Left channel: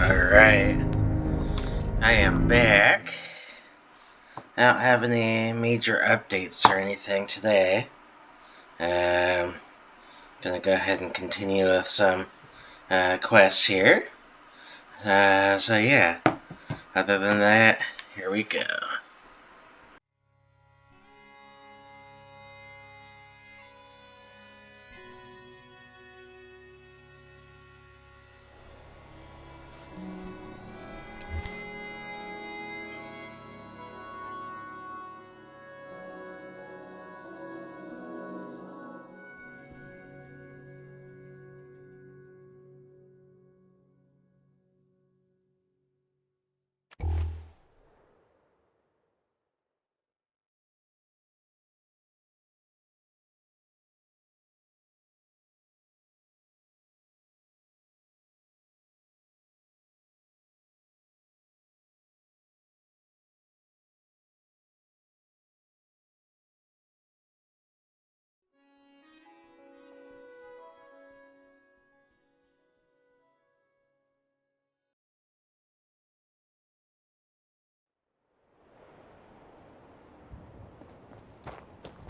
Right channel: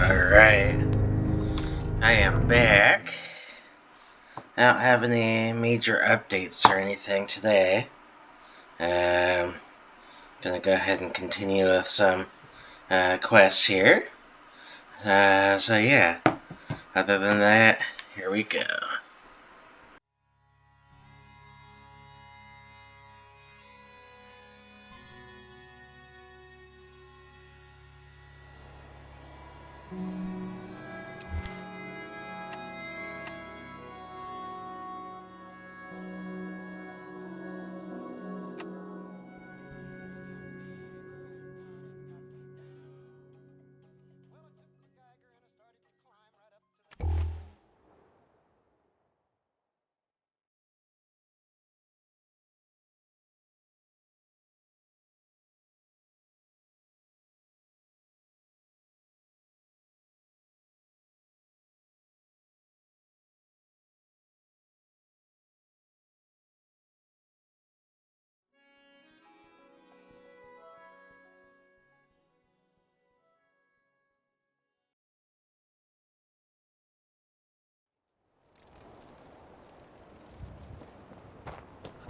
Alright, I am back. I don't have any major updates or anything today. Gonna go ahead and continue with some quests here. So yeah, other than that, here we go.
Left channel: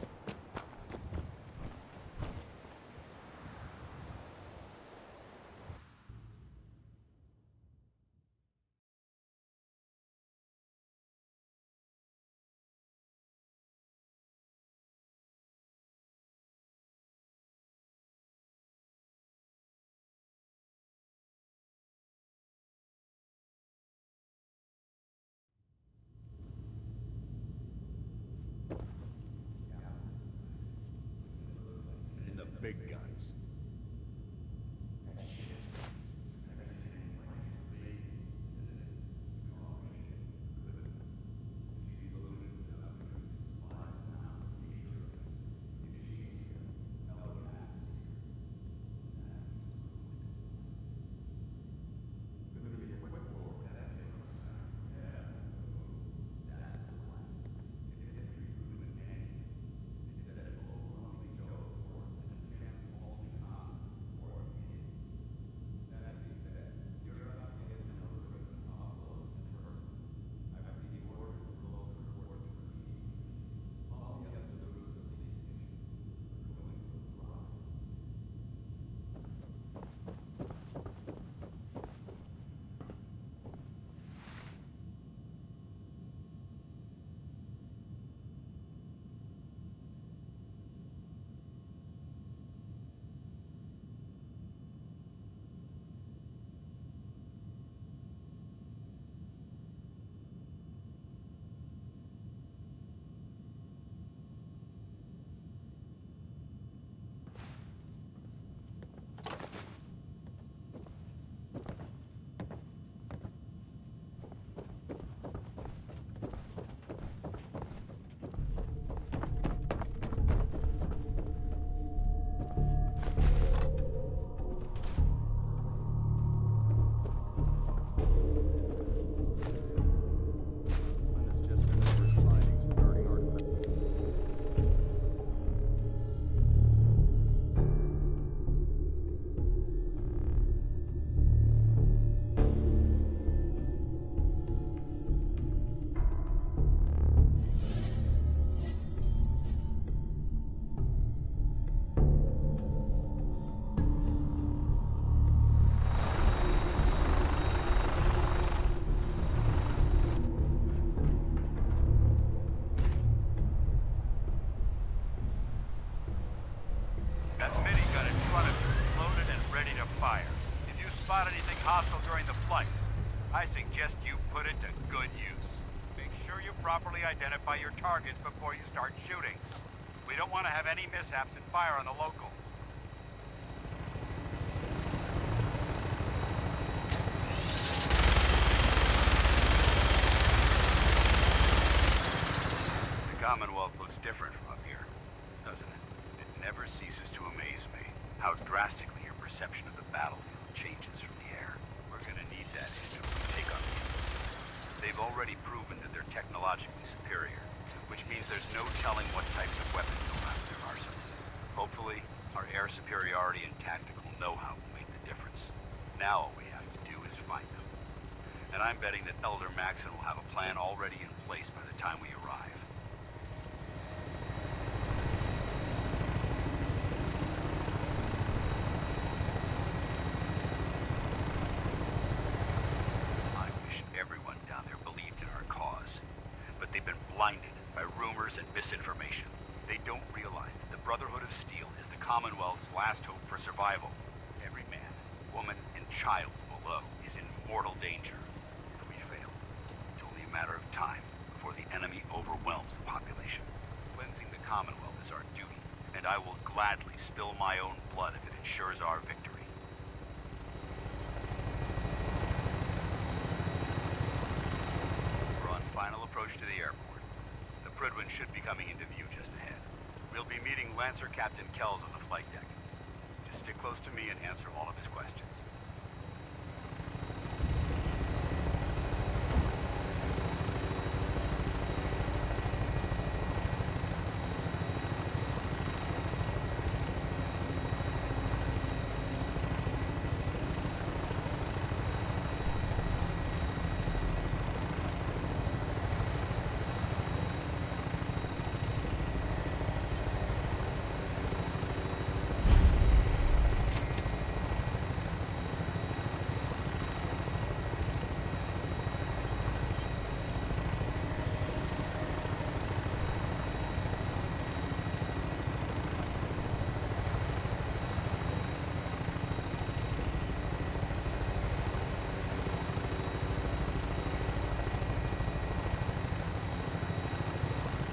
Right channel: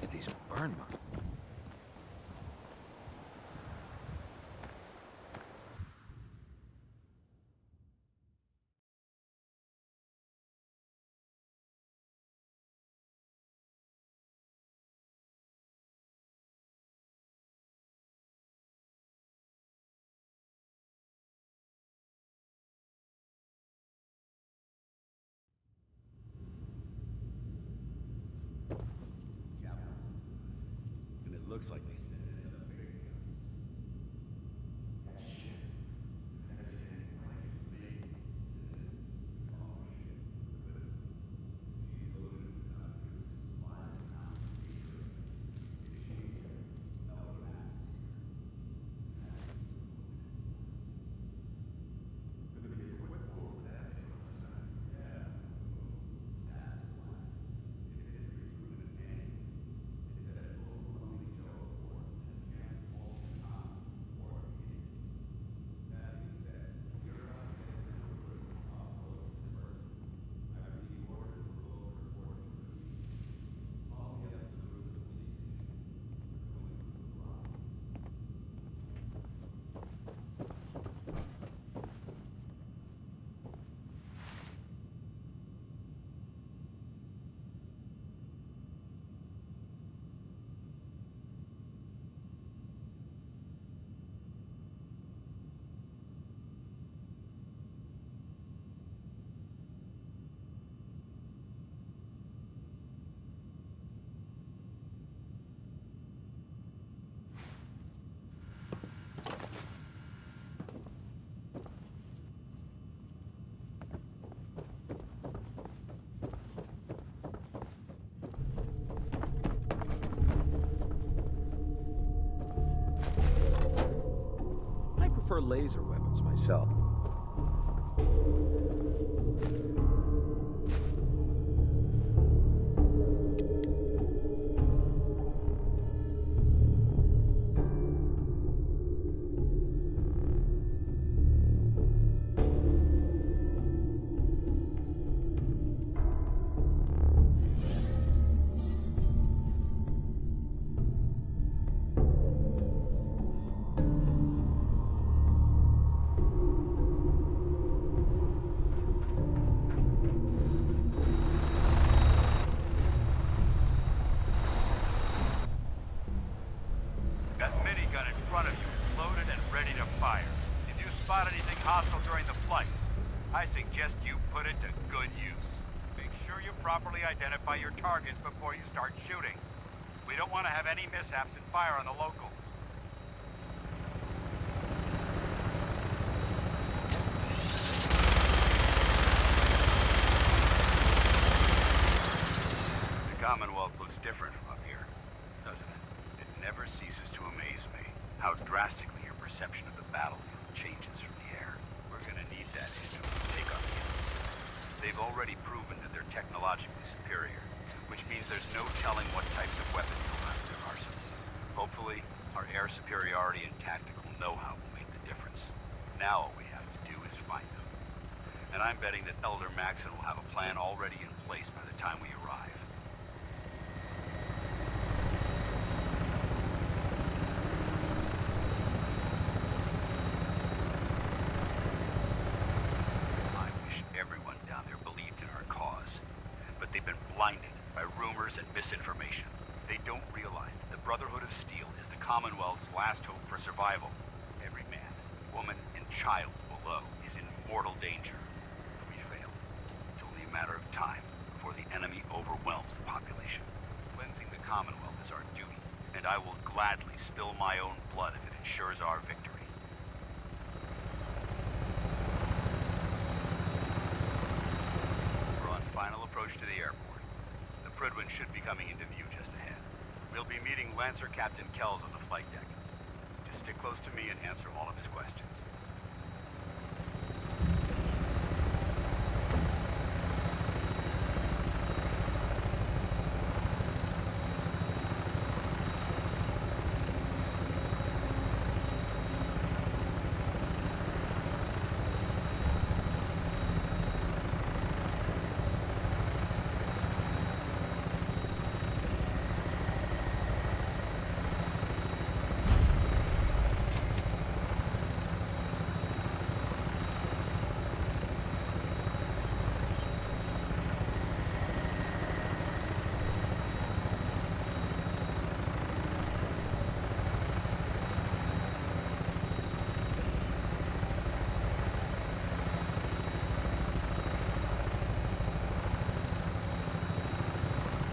Look at these burn marks. And it looks like they sent in the big guns. I prefer laser weapons myself. That minigun in front of you is loaded and ready to fire. If you spot anything hostile during the flight, I suggest you put it to good use. Make sure you properly identify your targets before you start shooting. We don't want to have any mishaps and fire on the locals. The Commonwealth looks different from up here, doesn't it? It never ceases to amaze me how drastically your perception of the battlefield changes from the air. We're gonna need that edge when we take on the enemy. They've already proven that they're technologically superior, which means there's no telling what types of weapons they'll have in their arsenal. Hopefully, our air superiority and tactical know-how will make the difference. Now all we have to do is find them. And I'm betting that Elder Maxon will have a plan already in place by the time we arrive. I wish everyone down there believed in our cause. But they've been blinded by rumors and misinformation. They don't realize that the Brotherhood of Steel is the Commonwealth's last hope for survival. Every man, woman, and child below is in mortal danger. If we fail, it's only a matter of time before the enemy overwhelms the population. Cleansing the Commonwealth is our duty, and I will gladly spill my own blood if it ensures our victory. We're on final approach to the airport. The Prydwen should be coming into view just ahead. We'll be meeting Lancer Captain Kells on the flight deck. Just stick close to me and answer all of his questions.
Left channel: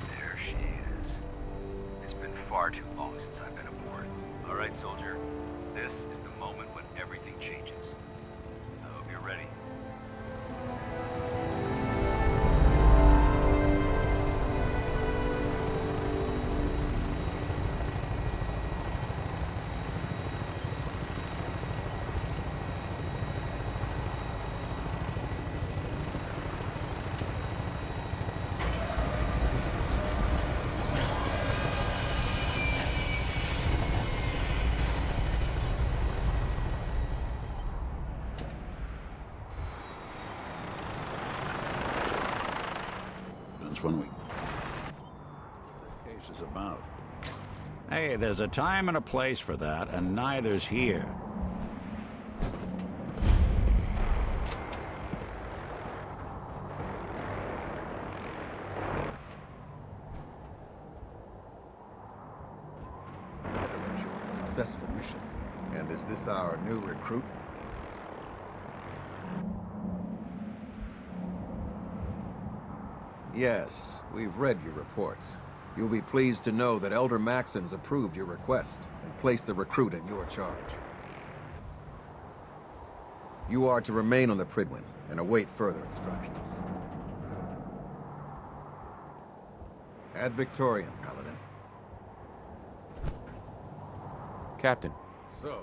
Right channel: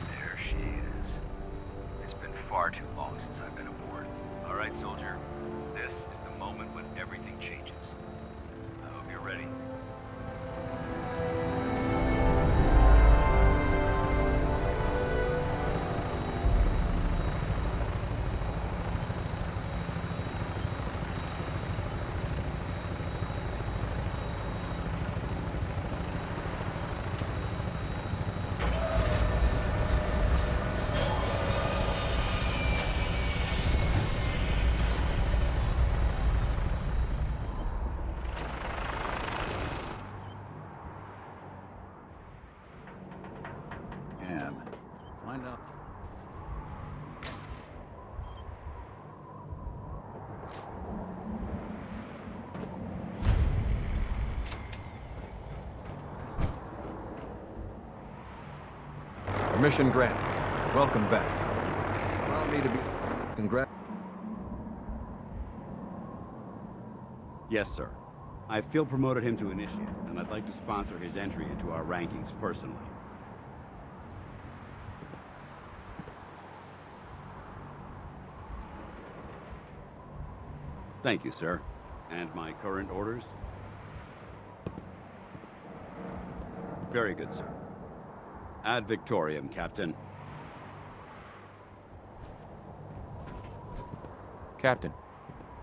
There she is. It's been far too long since I've been aboard. All right, soldier. This is the moment when everything changes. I hope you're ready. When we can. Find out what the case is about. Hey, there's a time and a place for that, and neither's here. Permission granted. Welcome back, Paladin. Allow me to congratulate you on a successful mission. And is this our new recruit? Yes, sir. I field promoted him to initiate, and I'd like to sponsor his entry into our rankings personally. Yes, we've read your reports. You'll be pleased to know that Elder Maxon's approved your request and placed the recruit in your charge. Thank you, sir. And my current orders? You are to remain on the Prydwen and await further instructions. Very good, sir. Ad Victoriam, Captain. Ad Victoriam, Paladin. Captain, So,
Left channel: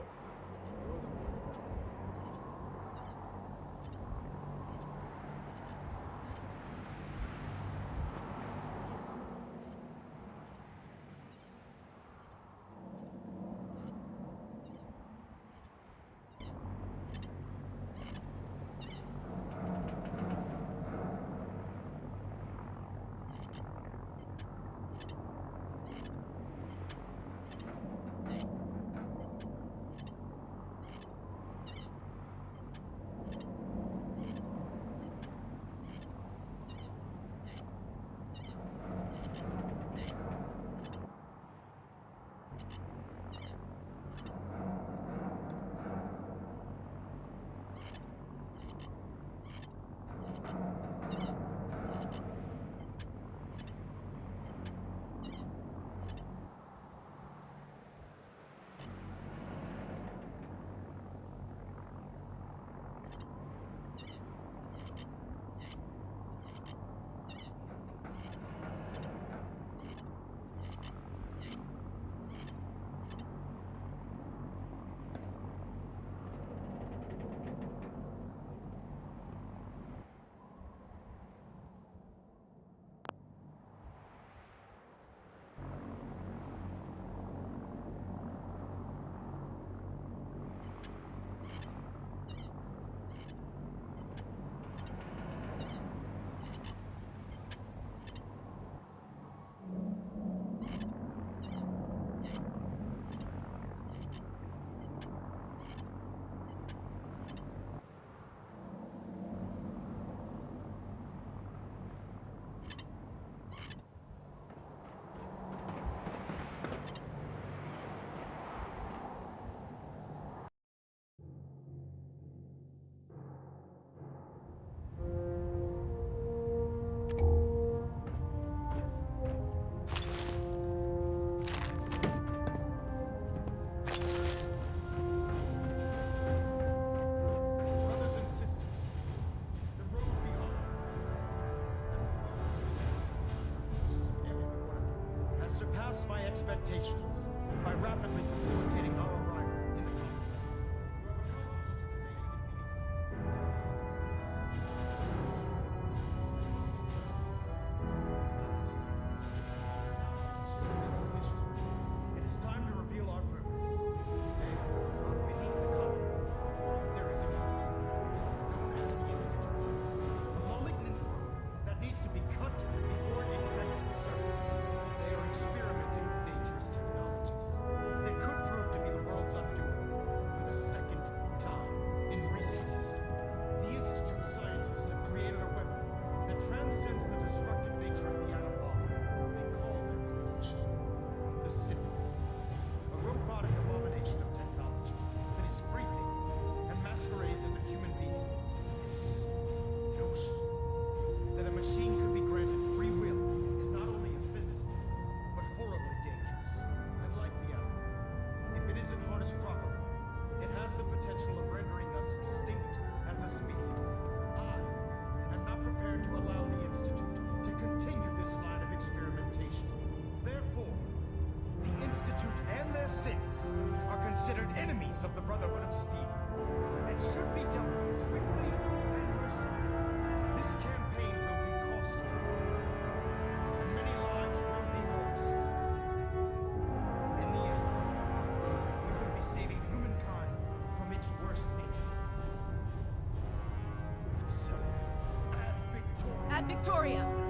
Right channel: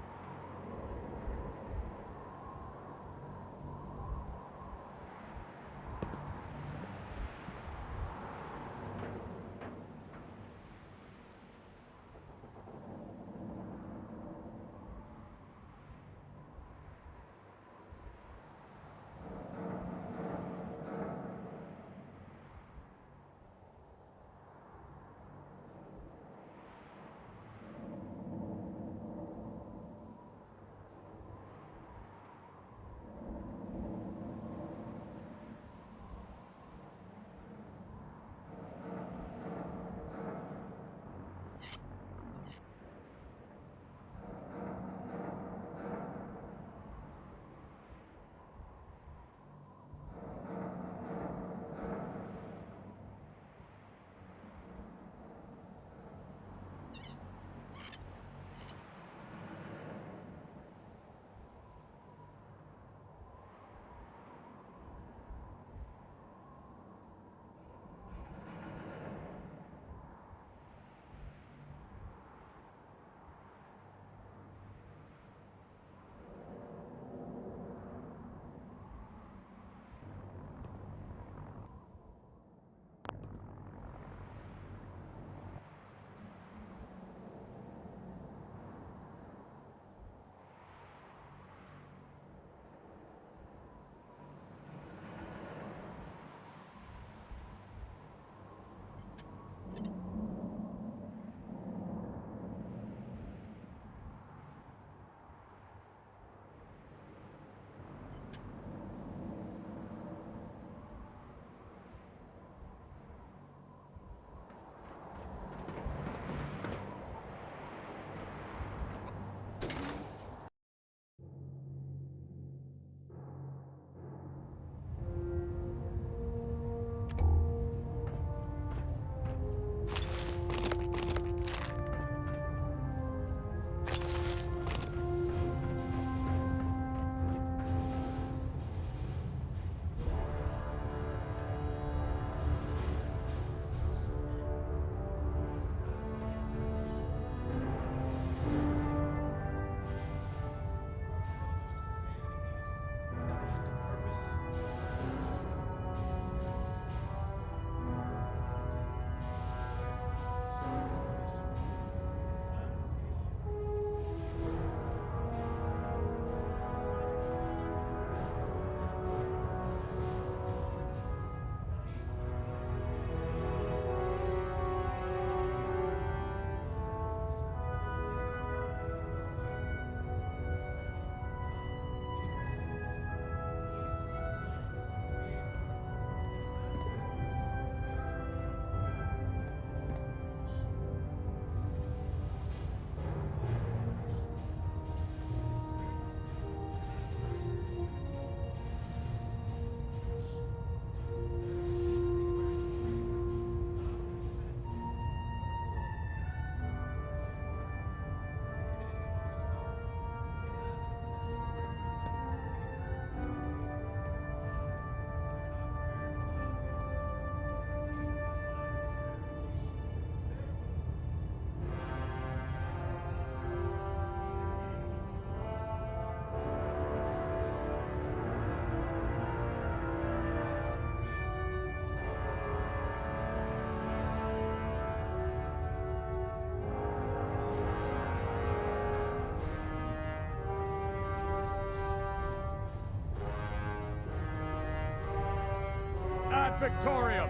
Victorium!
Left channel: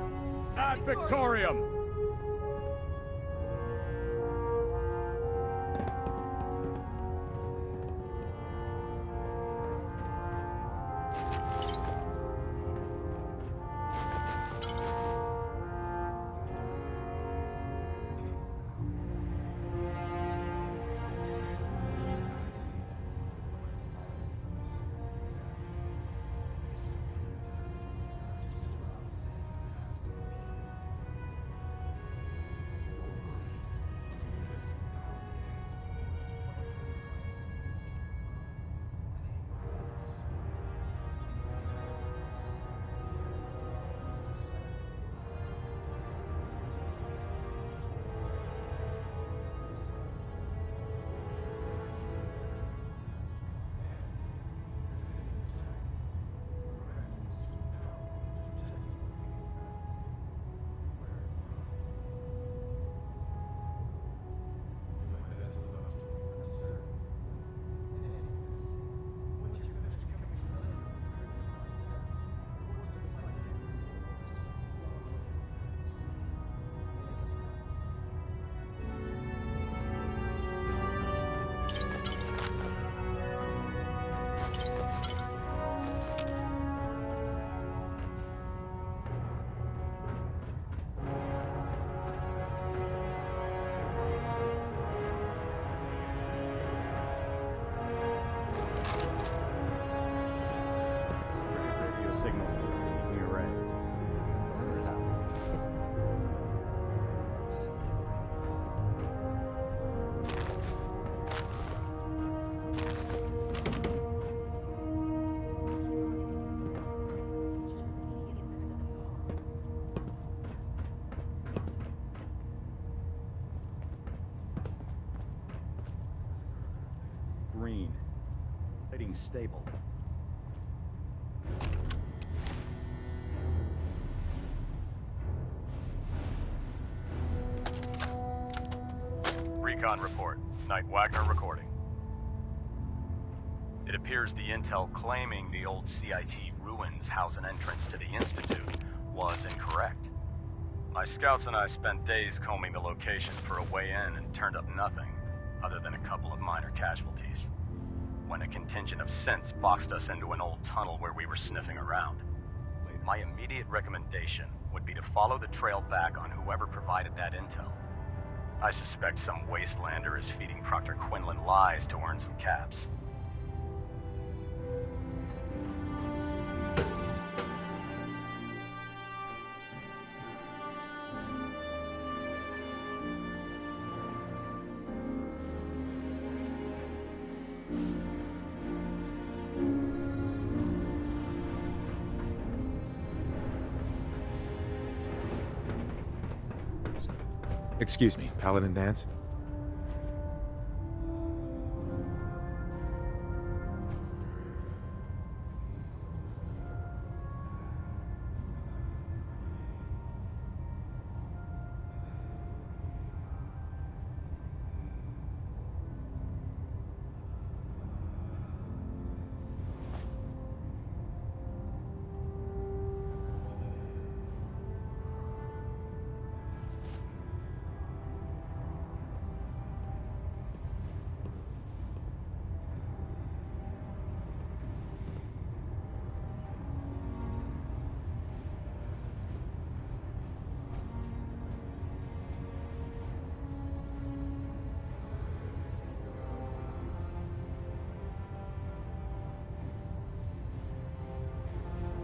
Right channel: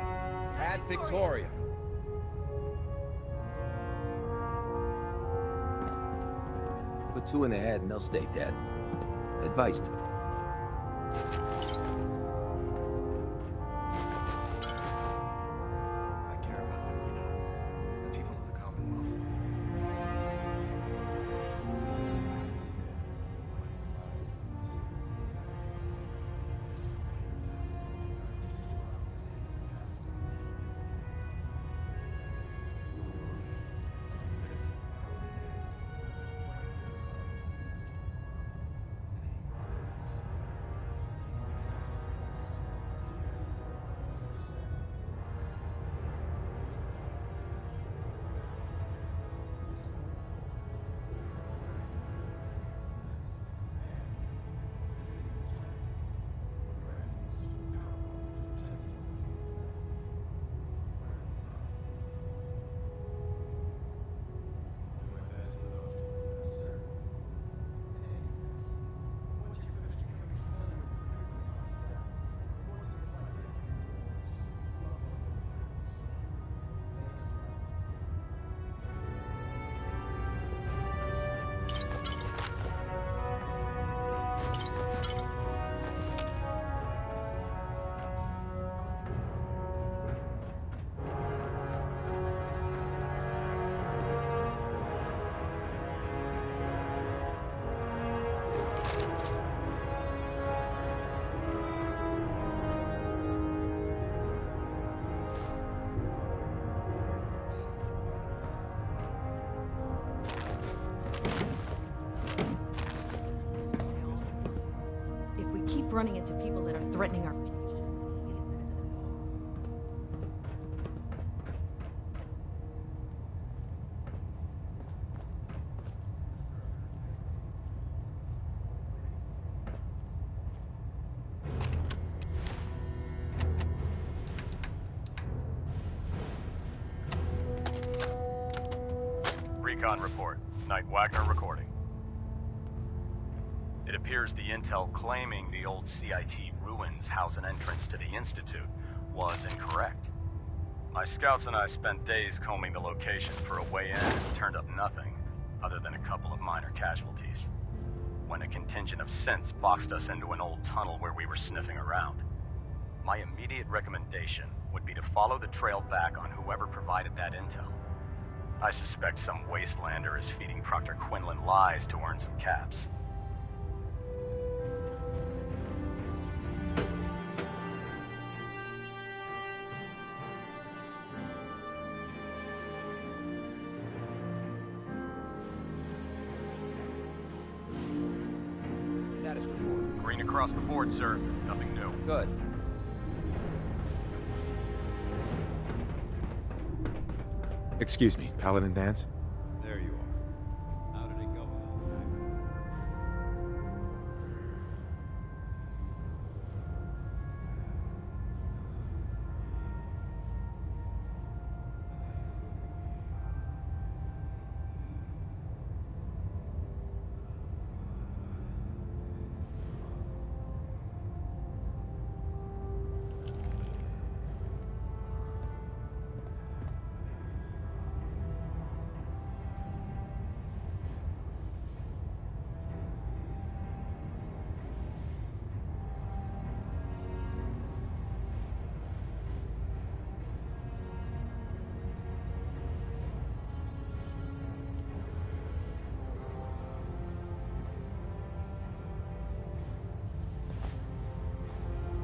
Ad Victorium! Put 2 in the head and they'll stay dead. Advice to me. I care about them, the people of the Commonwealth. If we keep running into people that are threatening our future. Green. Heading stable. Recon report. Knight Wagner recording. It appears the intel claiming the old CIT ruins house an entrance to the Institute was incorrect. My scouts and I spent days combing the location for a way in and turned up nothing, other than a couple of minor casualties. When a contingent of synths boxed us into an old tunnel where we were sniffing around. My immediate recommendation would be to follow the trail back on whoever provided that intel. I suspect some wastelander is feeding Proctor Quinlan lies to earn some caps. Green across the board, sir. Nothing new. Good. Excuse me, Paladin Dance? There you are. How did it go?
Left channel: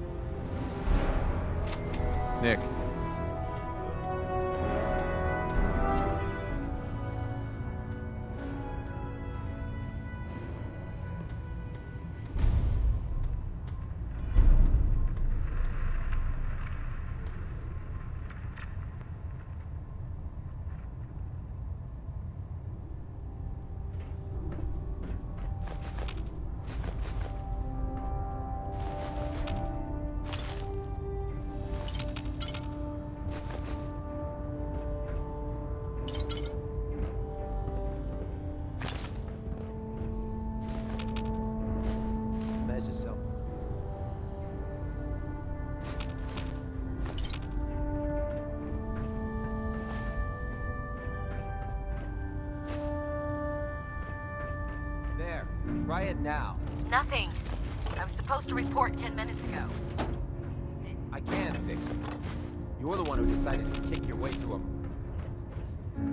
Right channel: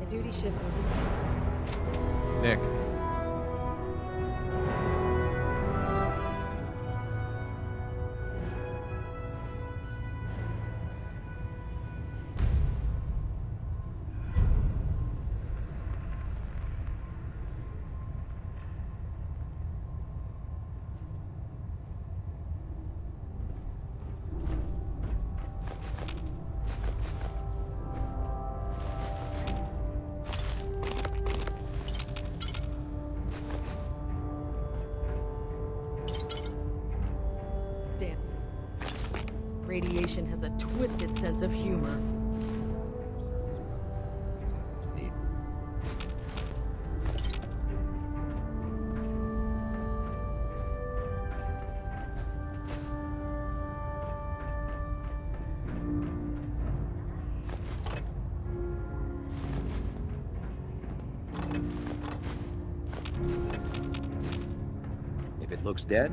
The duty shift. Nick. Damn. Radiation has a twisted sense of humor. That's a self-service. Need. Try it now. Nothing. I was supposed to report 10 minutes ago. I can't fix it. You're the one who decided to kick your way to him. If it looks dead,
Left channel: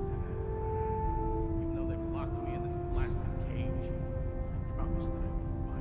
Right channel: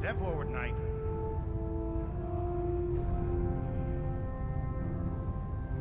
Step forward, Knight. Even though they've locked me in this blasted cage, promise that it won't bite.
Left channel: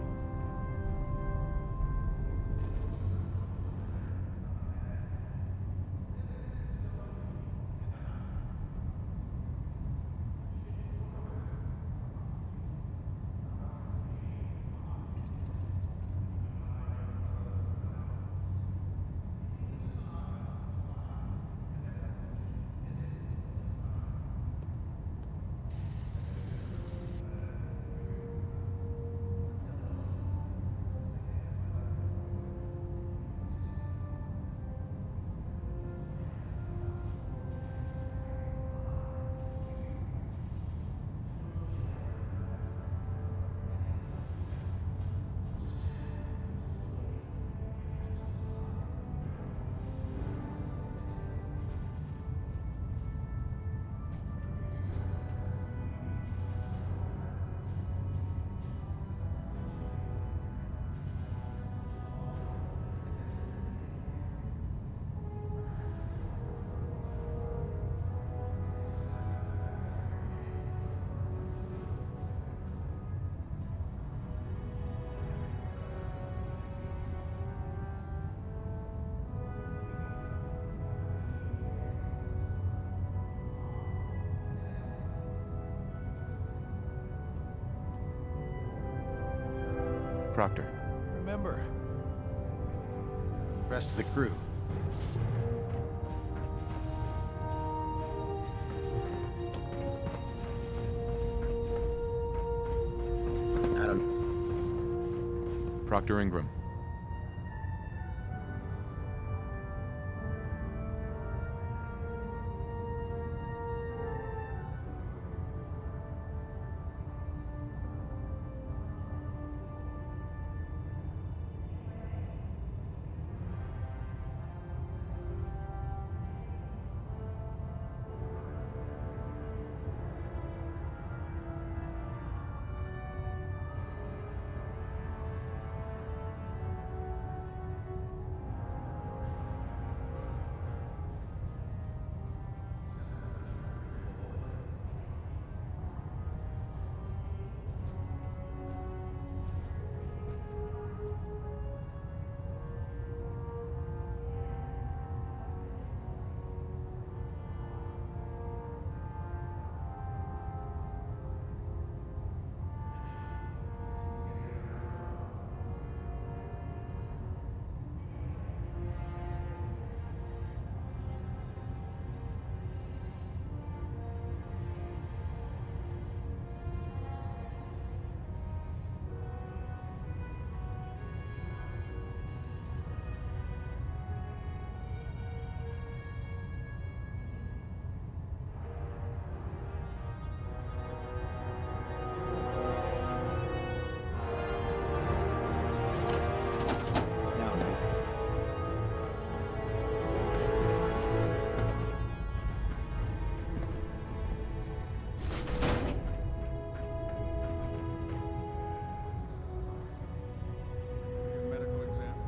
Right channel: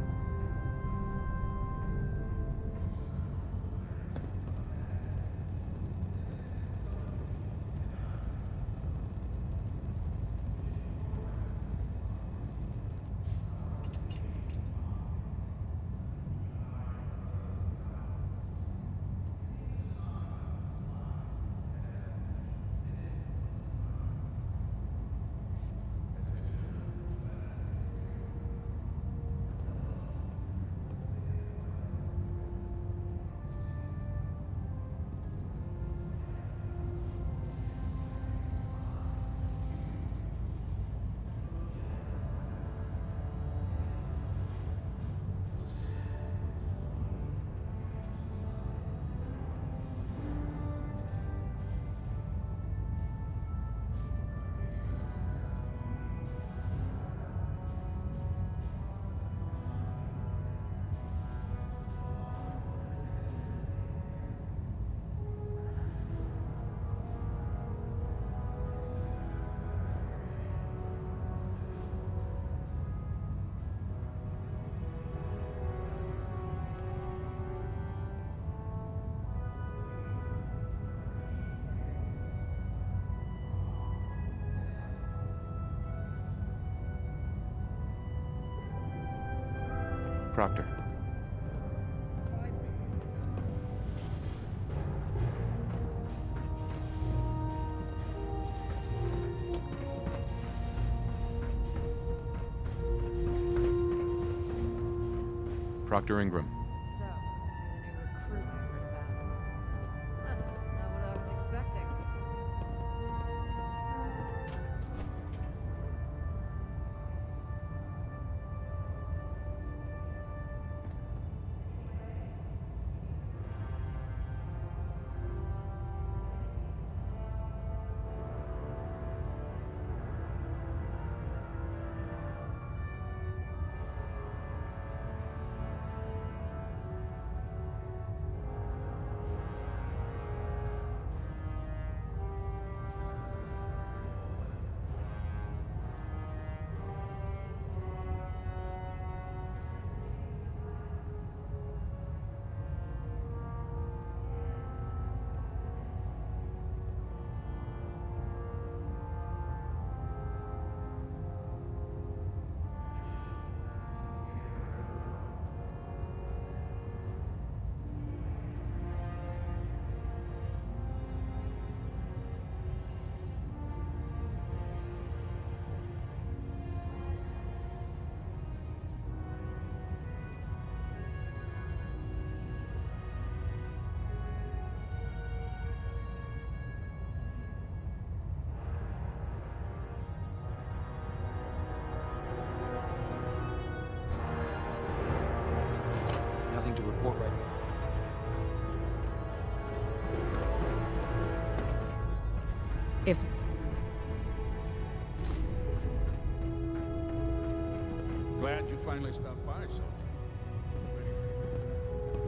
Proctor. Remember, Rest of the crew. I don't. Proctor Ingram. So, the new recruit we heard about. Not what I was expecting. If Glad you finally stopped by, son. Medical exam.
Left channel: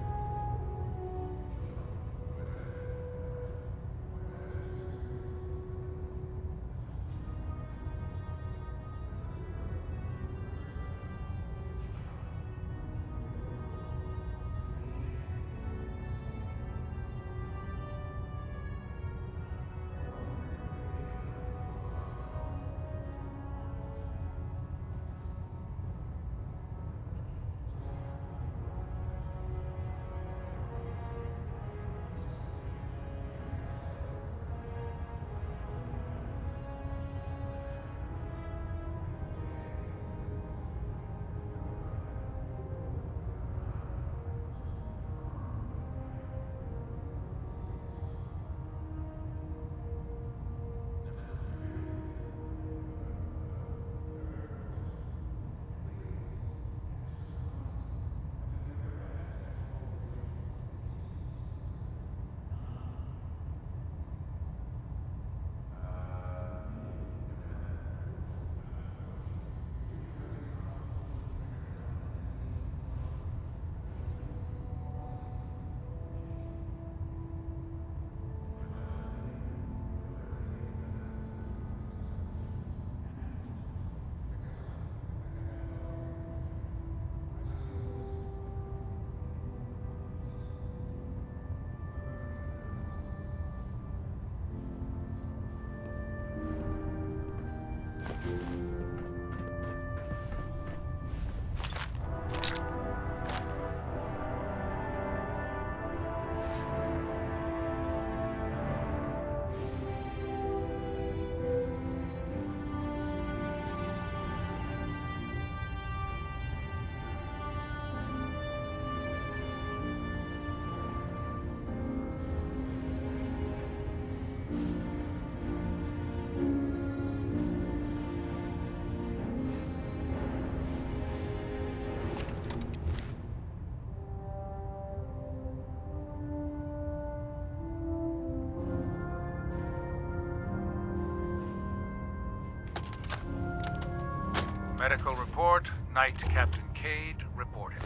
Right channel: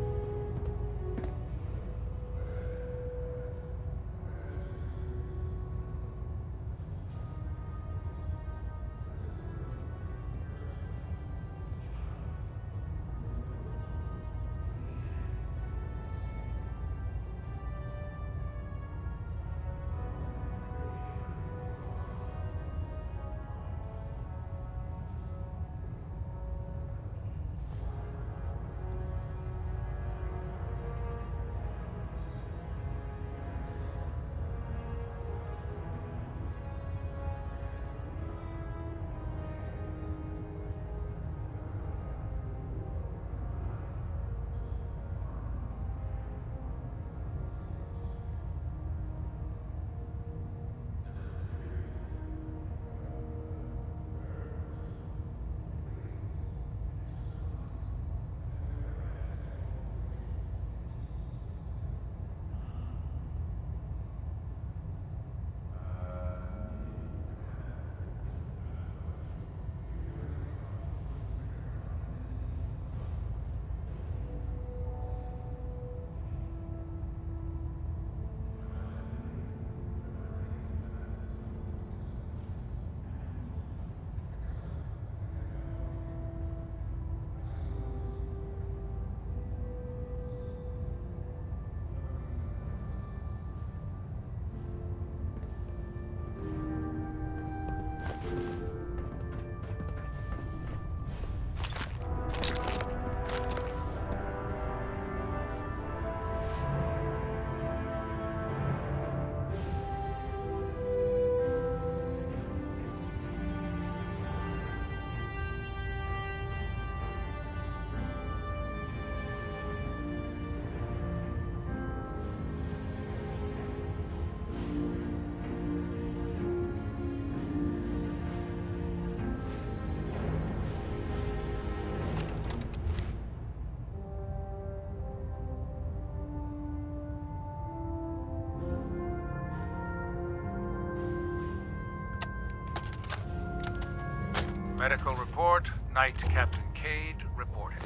Medical report, Knight Captain Cade reporting.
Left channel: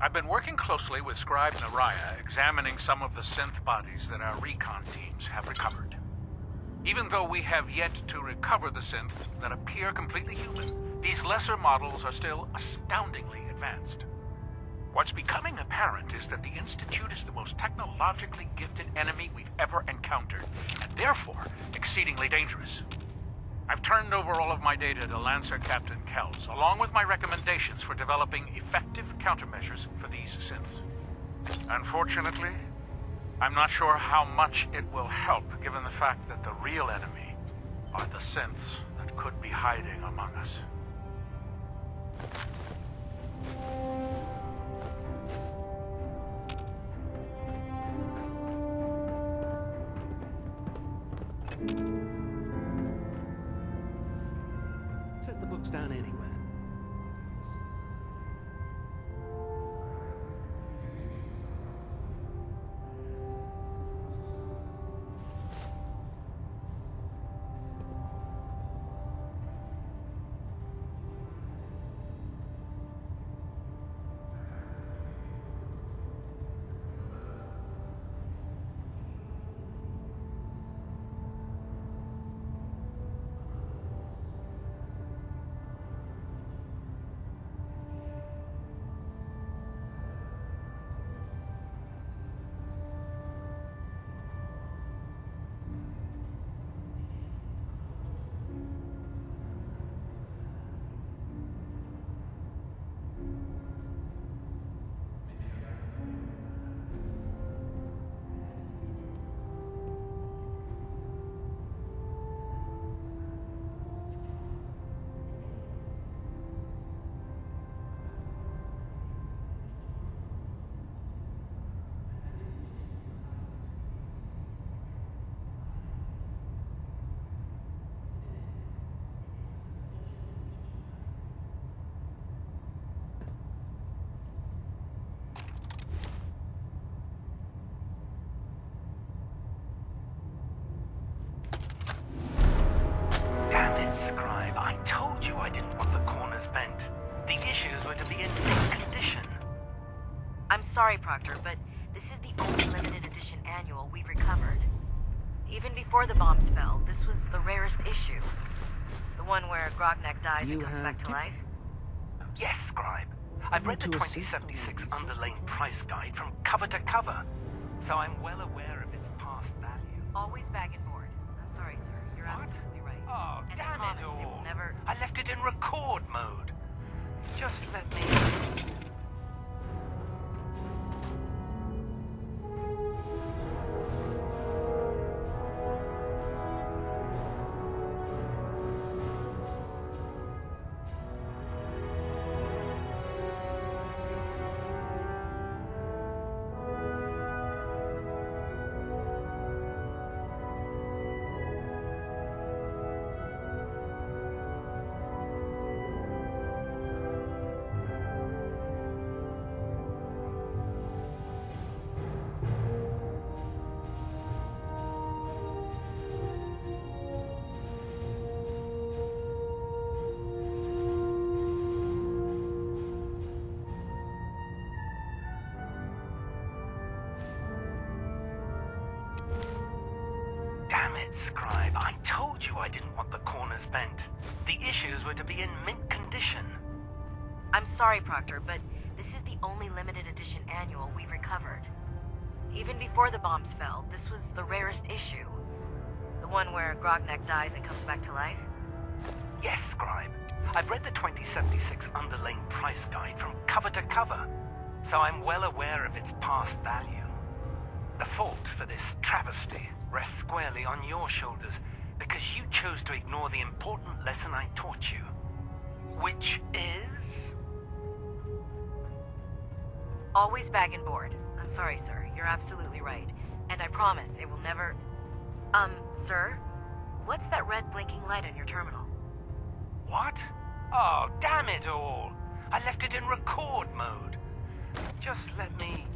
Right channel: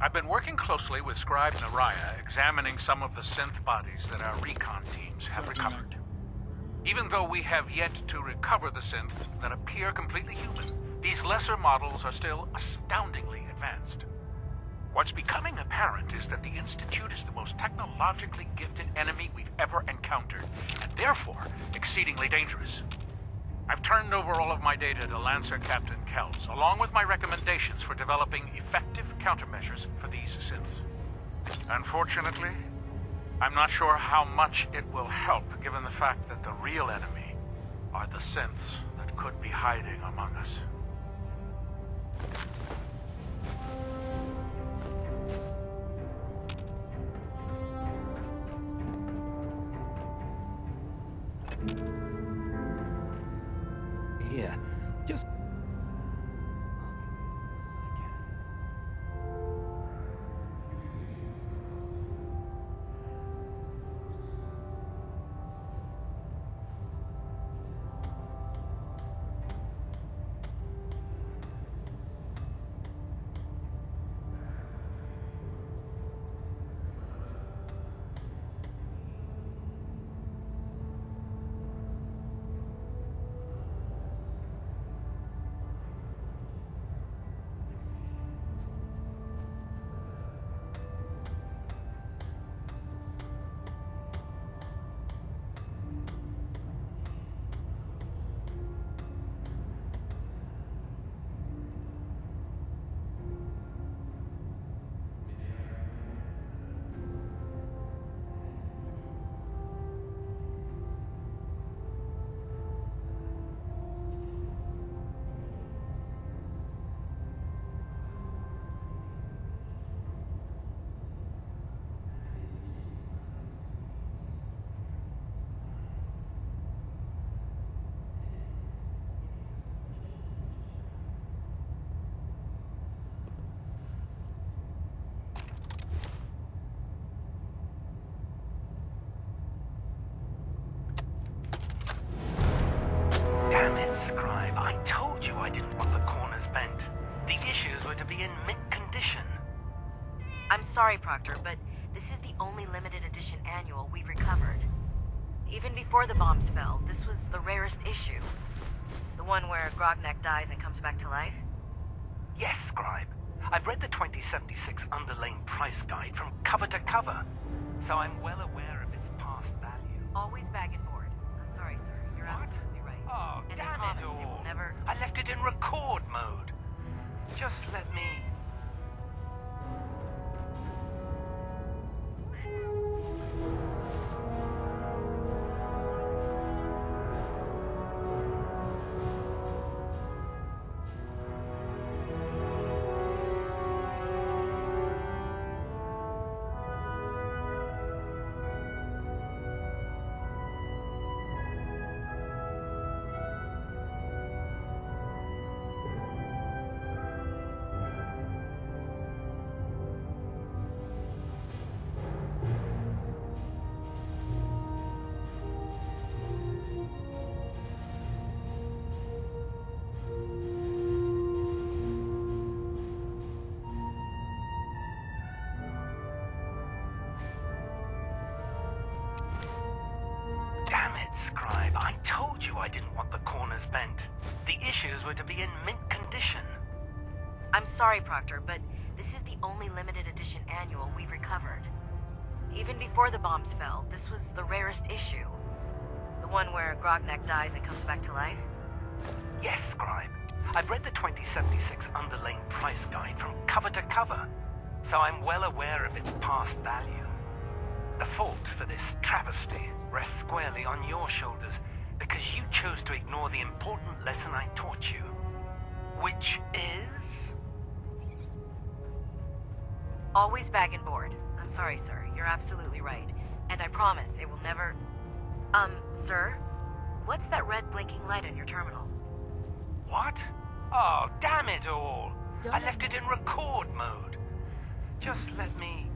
I've been working closely with Scribe Naraya, examining some of the synth bodies that our recon teams have recovered. Even though we have yet to recover the synths that appear completely human, these lesser models are still astoundingly advanced. What's becoming apparent is that the Institute is the most technologically gifted enemy we've ever encountered, and therefore exceedingly dangerous. I've turned over all of my data to Lancer Captain Kells, along with my recommendations for developing effective countermeasures for these synths. Unfortunately, I'm not sure how much it will help, given the fact that the real enemy are the synths that could be hiding among us. Here, just set the books down anywhere. Damn it, Scribe. I told you I didn't want the corners bent. The issues were to be in mint condition. I'm sorry, Proctor, but this is the only limited edition annual we've recovered. Even before the bombs fell, this was the rarest issue. The one where Grognak dies and comes back to life. Yes, Scribe. I've read the 2076 Underlane price guide from cover to cover, so I'm well aware of its past value. Always bag and board. I'm sorry, sir. You're absolutely right. Oh, And I damn promise it it will all. never... I left it in record mode. Just let me... Damn it, Scribe. I told you I didn't want the corners bent. The issues were to be in mint condition. I'm sorry, Proctor, but this is the only limited edition annual we've recovered. Even before the bombs fell, this was the rarest issue. The one where Grognak dies and comes back to life. Yes, Scribe. I've read the 2076 Underlane price guide from cover to cover, so I'm well aware of its past value. The fault for this travesty rests squarely on your shoulders because you chose to ignore the important lesson I taught you. Which is... Always bag and board. I'm sorry, sir. You're absolutely right. And I promise it will never... Sir? What's that red blinking light on your terminal? What? Oh, damn it all! I left it in record mode. Just let me...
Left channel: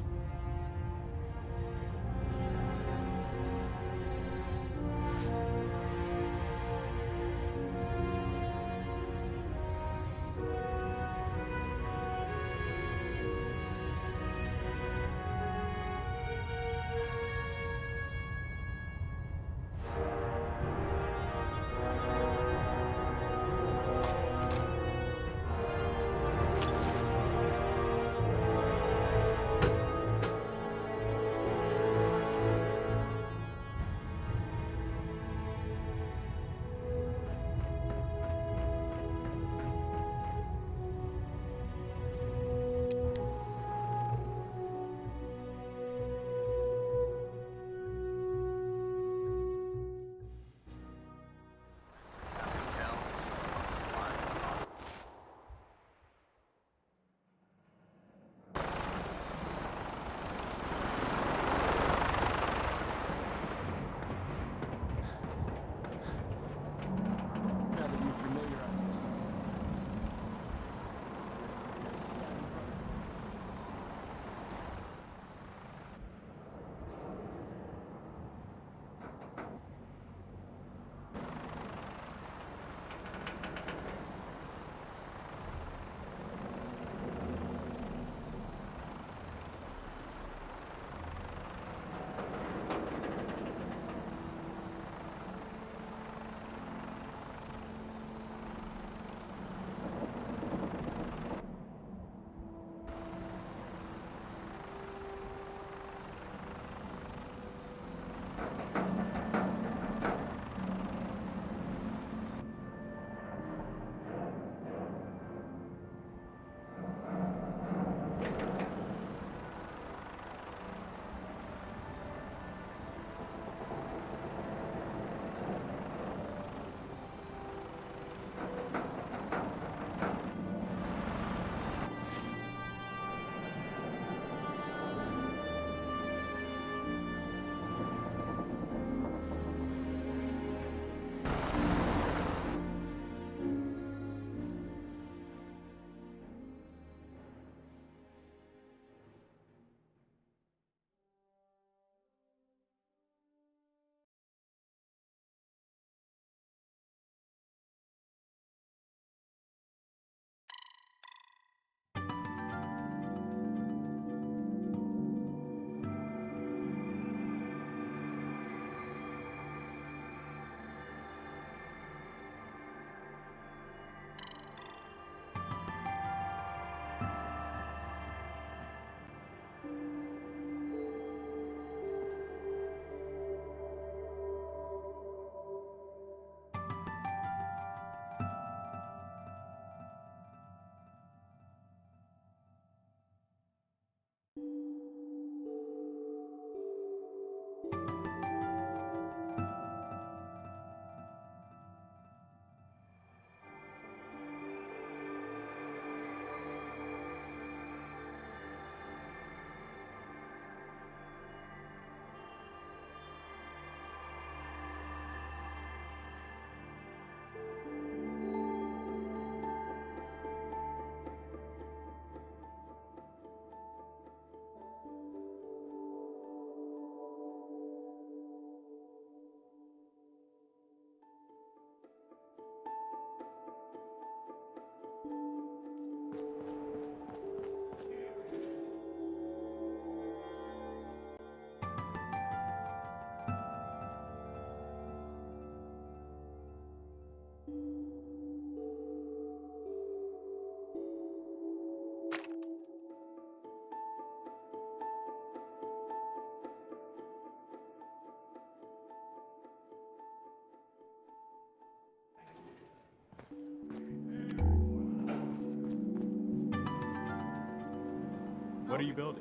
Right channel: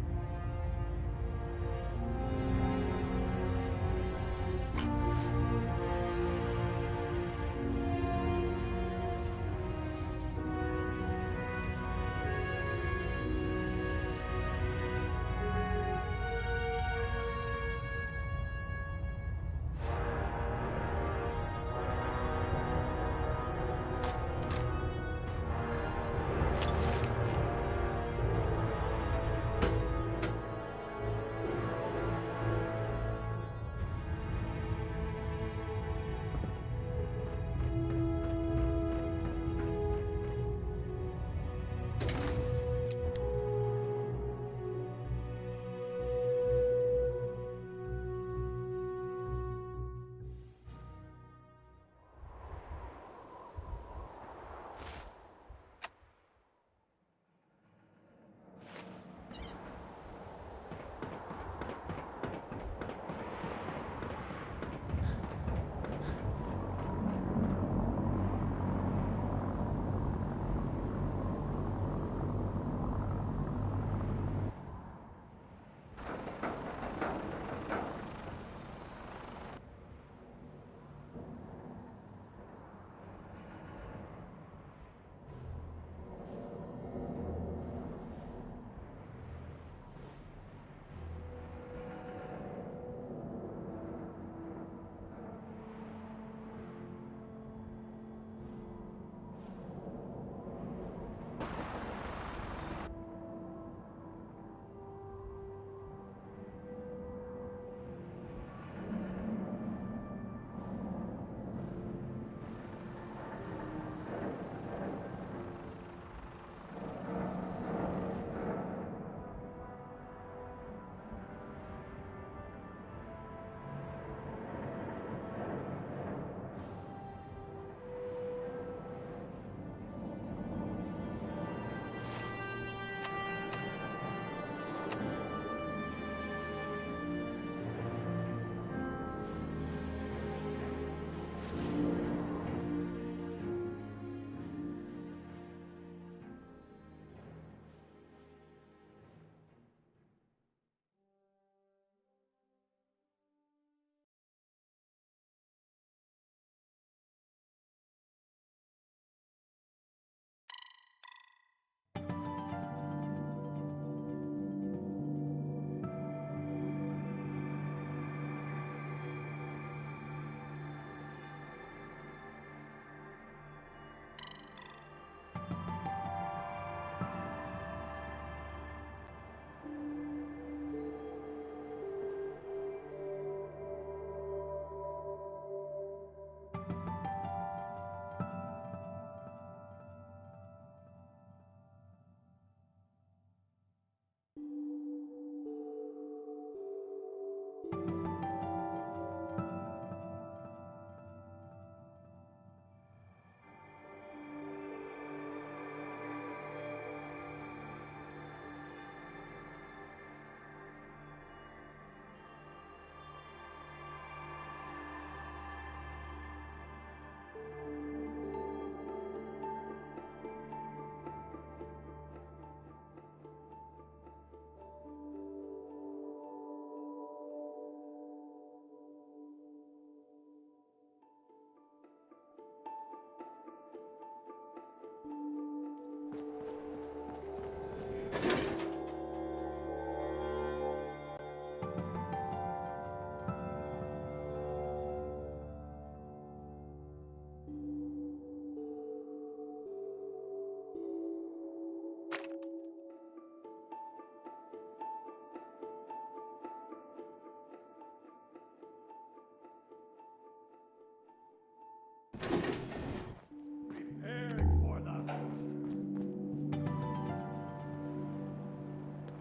are you building?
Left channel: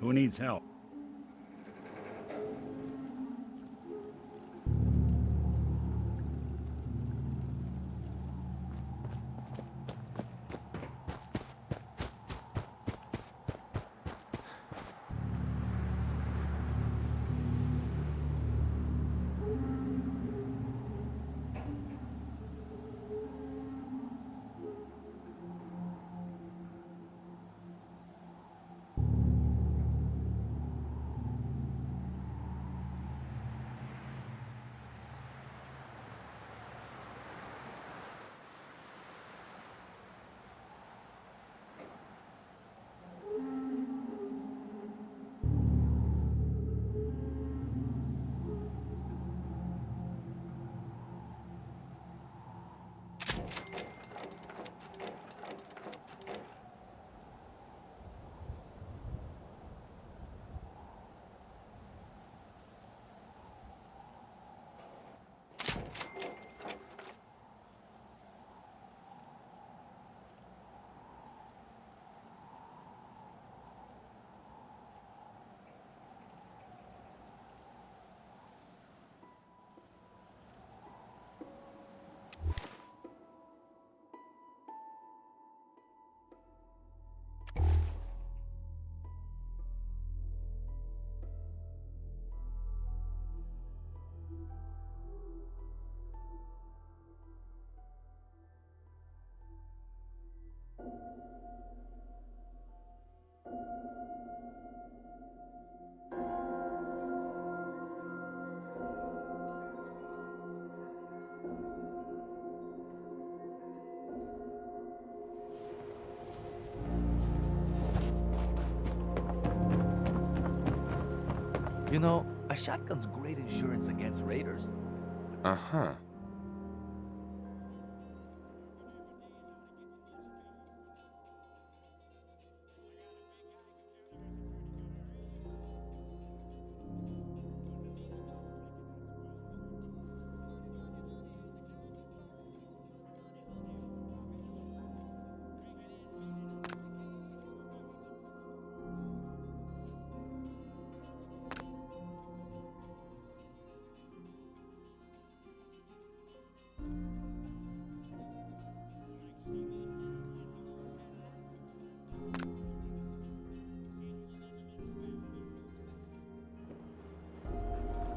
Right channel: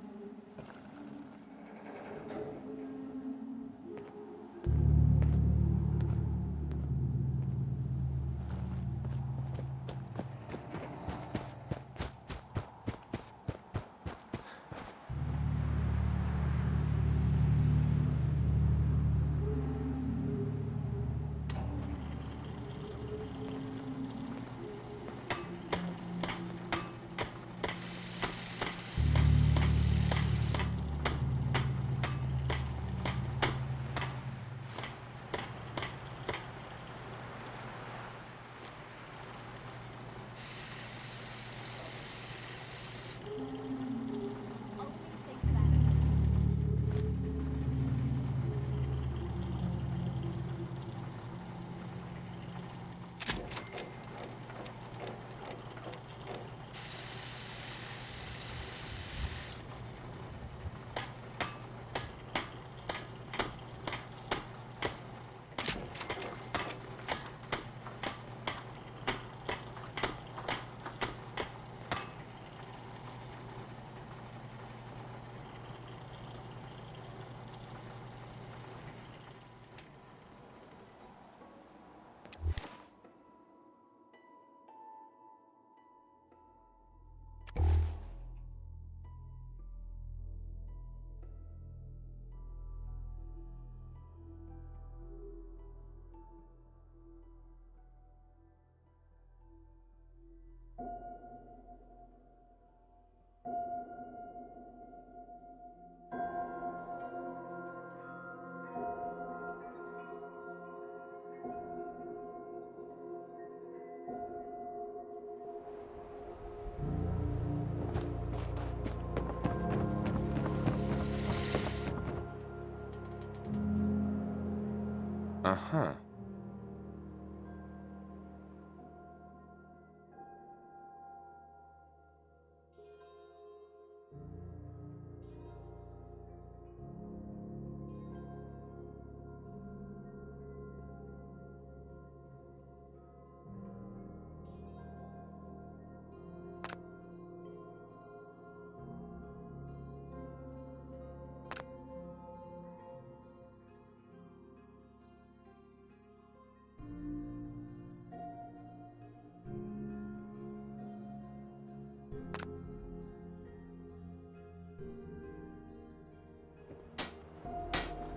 Who needs help? You know, a shotgun's great insurance against raiders. Uh-huh.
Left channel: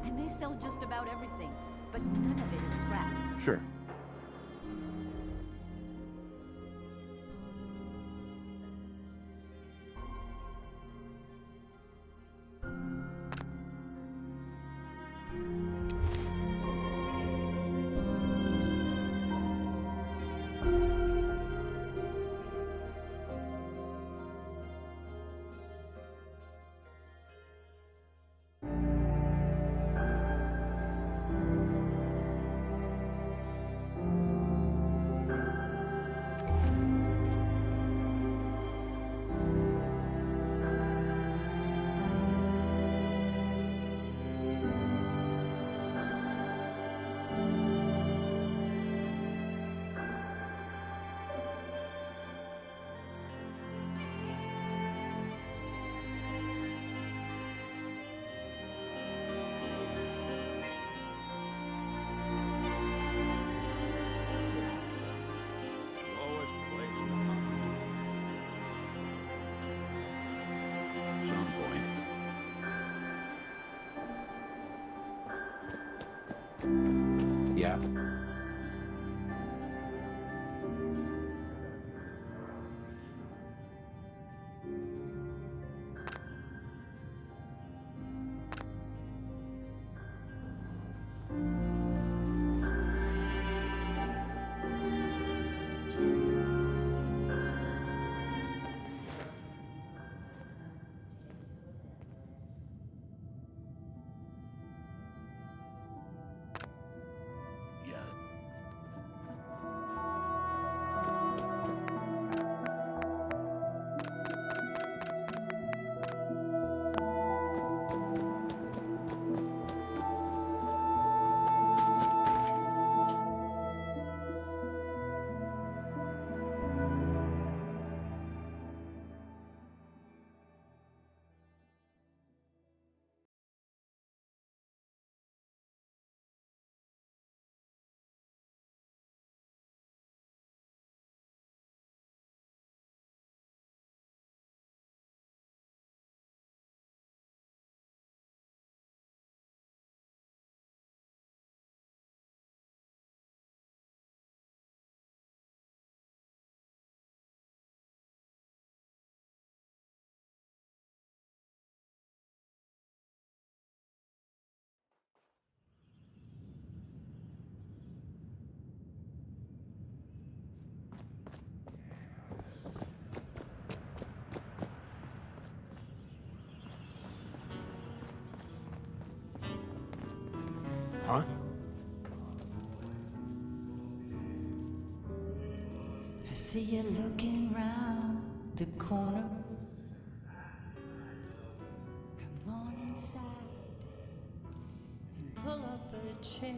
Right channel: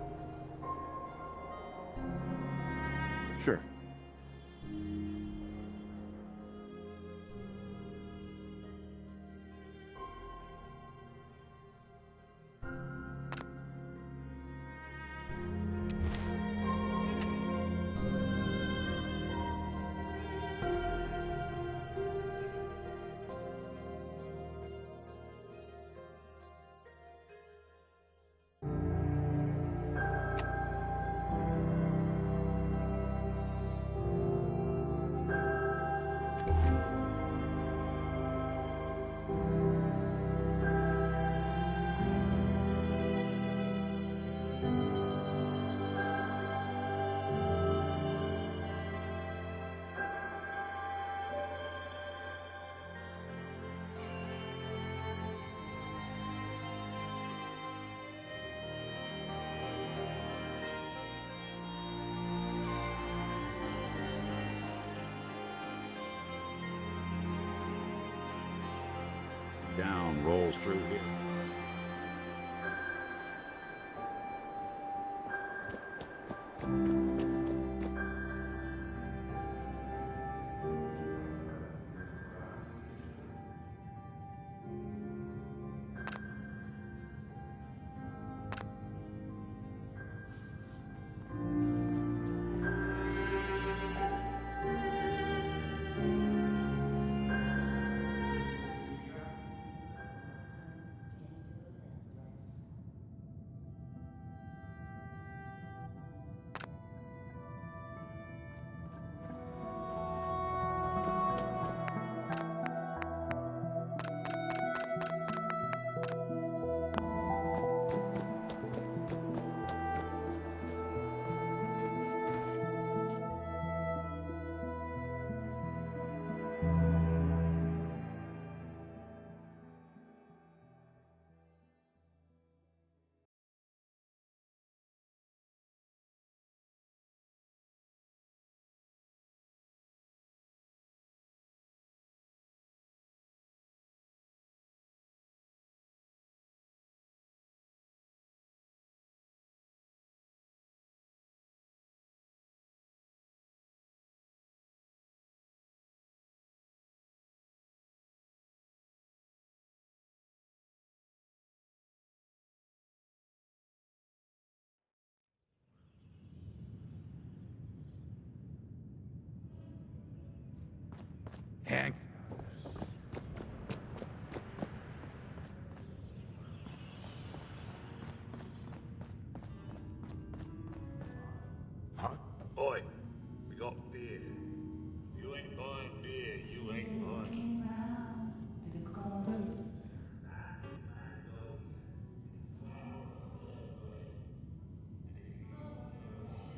And they sell just about everything, but none of it is scrap. Sure. Yeah. Hank. Huh? Boy, we got beer. You ain't buying beer. I see you looking round the corner. Come on inside and pull up a chair.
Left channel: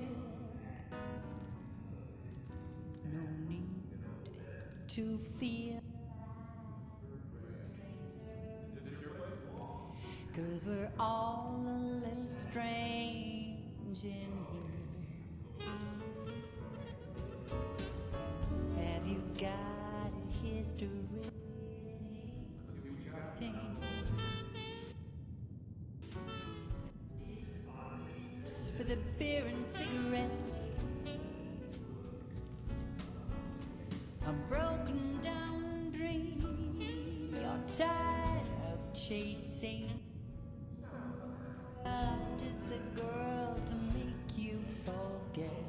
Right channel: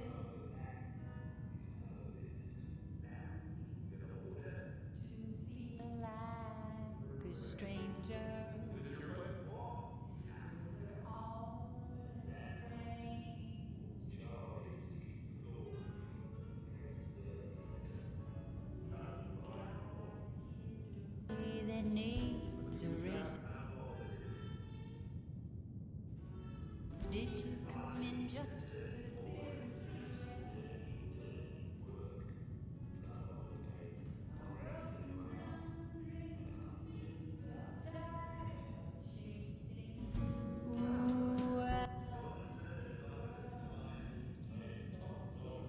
No need to feel like a stranger, 'cause we're all a little strange in here. Have you got a history that needs erasing? Did you come in just for the beer and cigarettes? A broken down dream you're tired of chasing. Ooh, well, I'm just the girl to make you forget.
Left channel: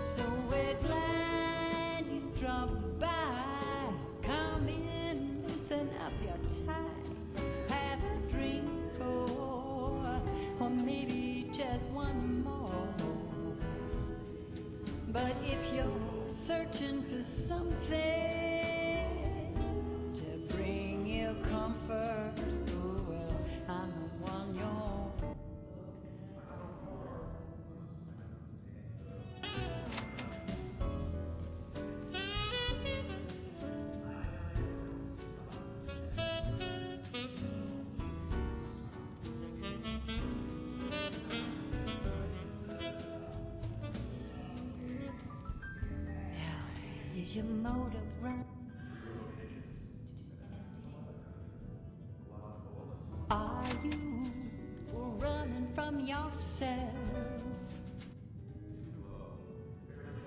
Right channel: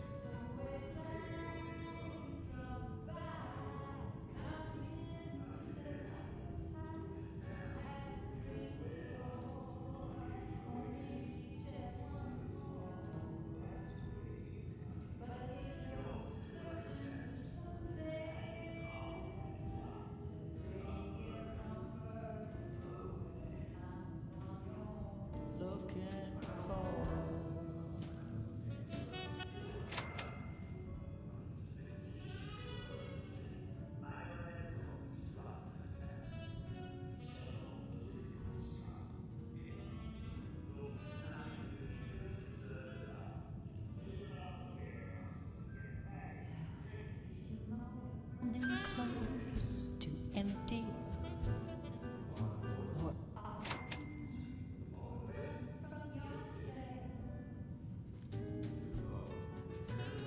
So we're glad you dropped by. Come in, loosen up your tie. Have a drink or maybe just one more. But if you're searching for something to bring you comfort, oh well, I'm the one you're looking for. Is your motor running close to empty? Or are you running from yourself?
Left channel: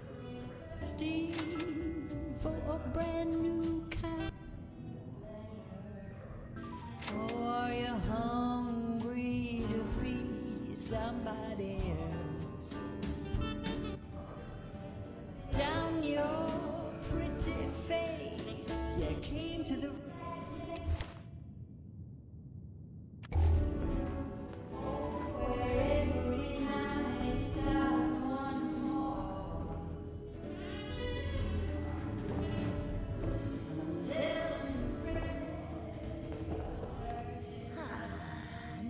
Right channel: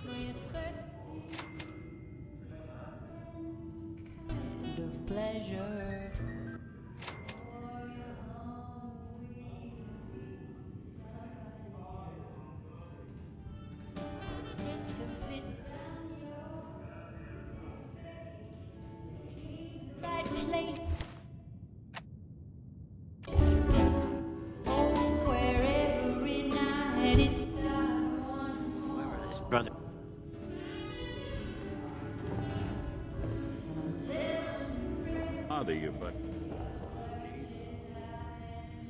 We're thirsty for a brand new kind of pleasure. Or you're hungry to be somebody else. So sit down your pretty face, you came to the right place. Oh, where every night is Brother. Bother you, but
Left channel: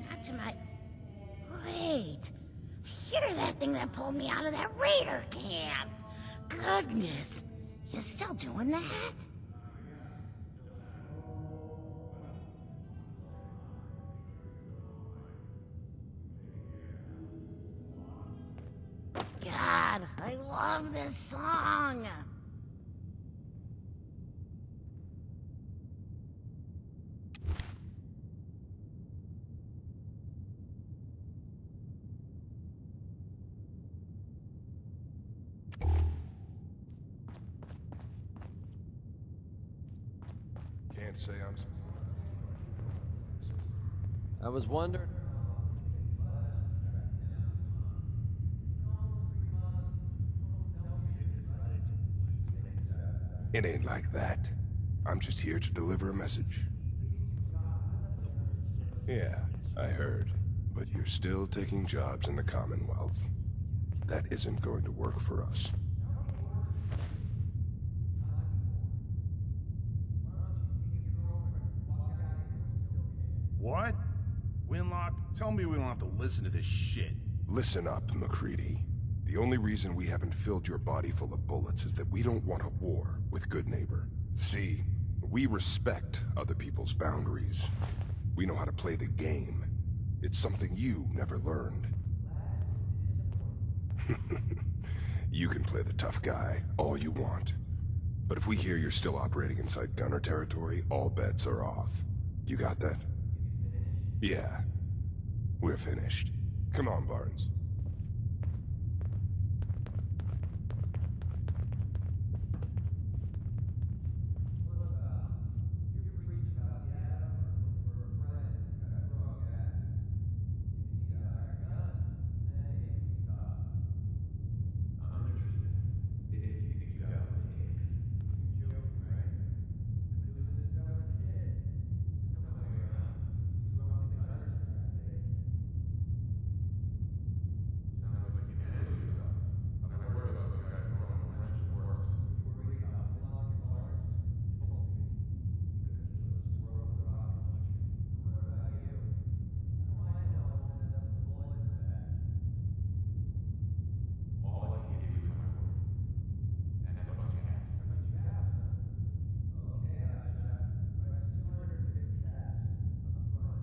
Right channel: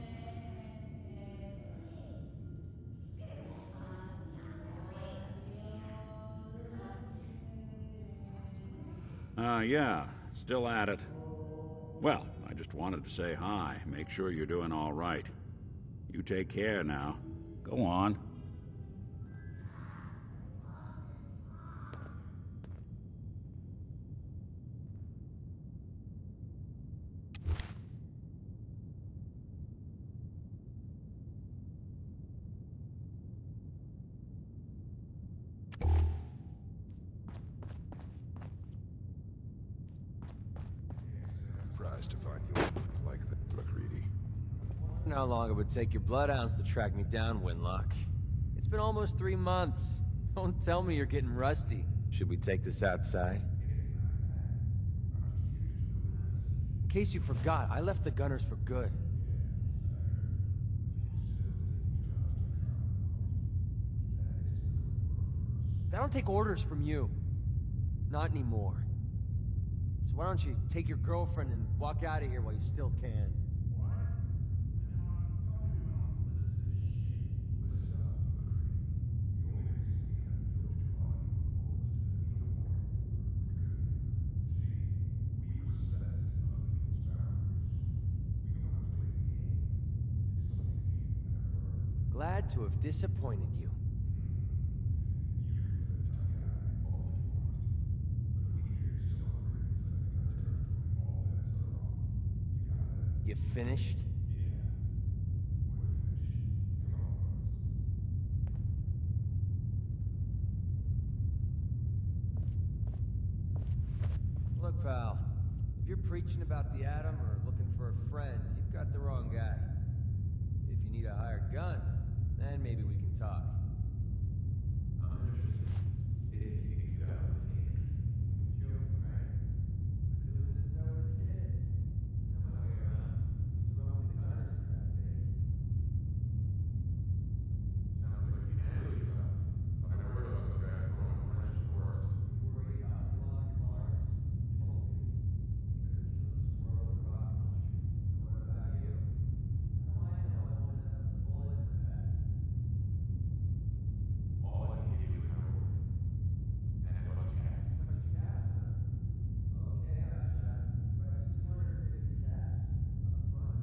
Not tonight. Wait. Hear that thing that pulled me out of that Raider camp? Goodness. You still doing that? Yeah, still at it. Well, I just wanted to say hi, make sure you're doing all right. You take care now. Go on. God, I love this song. I was wondering how long it would take your bloodhounds to track me down, Winlock. It's been almost 3 months. Don't tell me you're getting rusty. Should we take this outside? It ain't like that. I'm just here to deliver a message. In case you forgot, I left the Gunners for good. Yeah, I heard. But you're still taking jobs in the Commonwealth. That isn't going to work for us. I don't take orders from you. Not anymore. So why don't you take your girlfriend and walk out of here while you still can? What? Winlock, tell me we don't have to listen to this shit. Listen up, MacReady. The only reason we haven't filled your body full of bullets is that we don't want a war with Good Neighbor. See, we respect other people's boundaries. We know how to play the game. It's something you never learned. Glad to have disappointed you. You can play the tough guy all you want. But if we hear you're still operating inside Gunner territory, all bets are off. You got that? You finished? Yeah. We're finished. Come on, Barnes. Look, pal. If you're preaching about the atom or looking for a friend, you've got the wrong guy. If you need a hired gun, then maybe we can talk. I'm interested. If you think you got what it takes. Joke, right? I've been doing this since I was a kid. I know my way around. Used to run with the Gunners, for God's sake. Sounds like a humanity stuff. I've never heard of those guys throwing a wrench in the works. You worry about blowing bars? Totally. You couldn't kill a squirrel with a rocket launcher. What about you? I don't mind if I won't end up with a bullet in the back. All I can give you is my word. And a bunch of casts. A bunch of casts, huh? Okay, Hotshot. Price is 250 casts. Up front.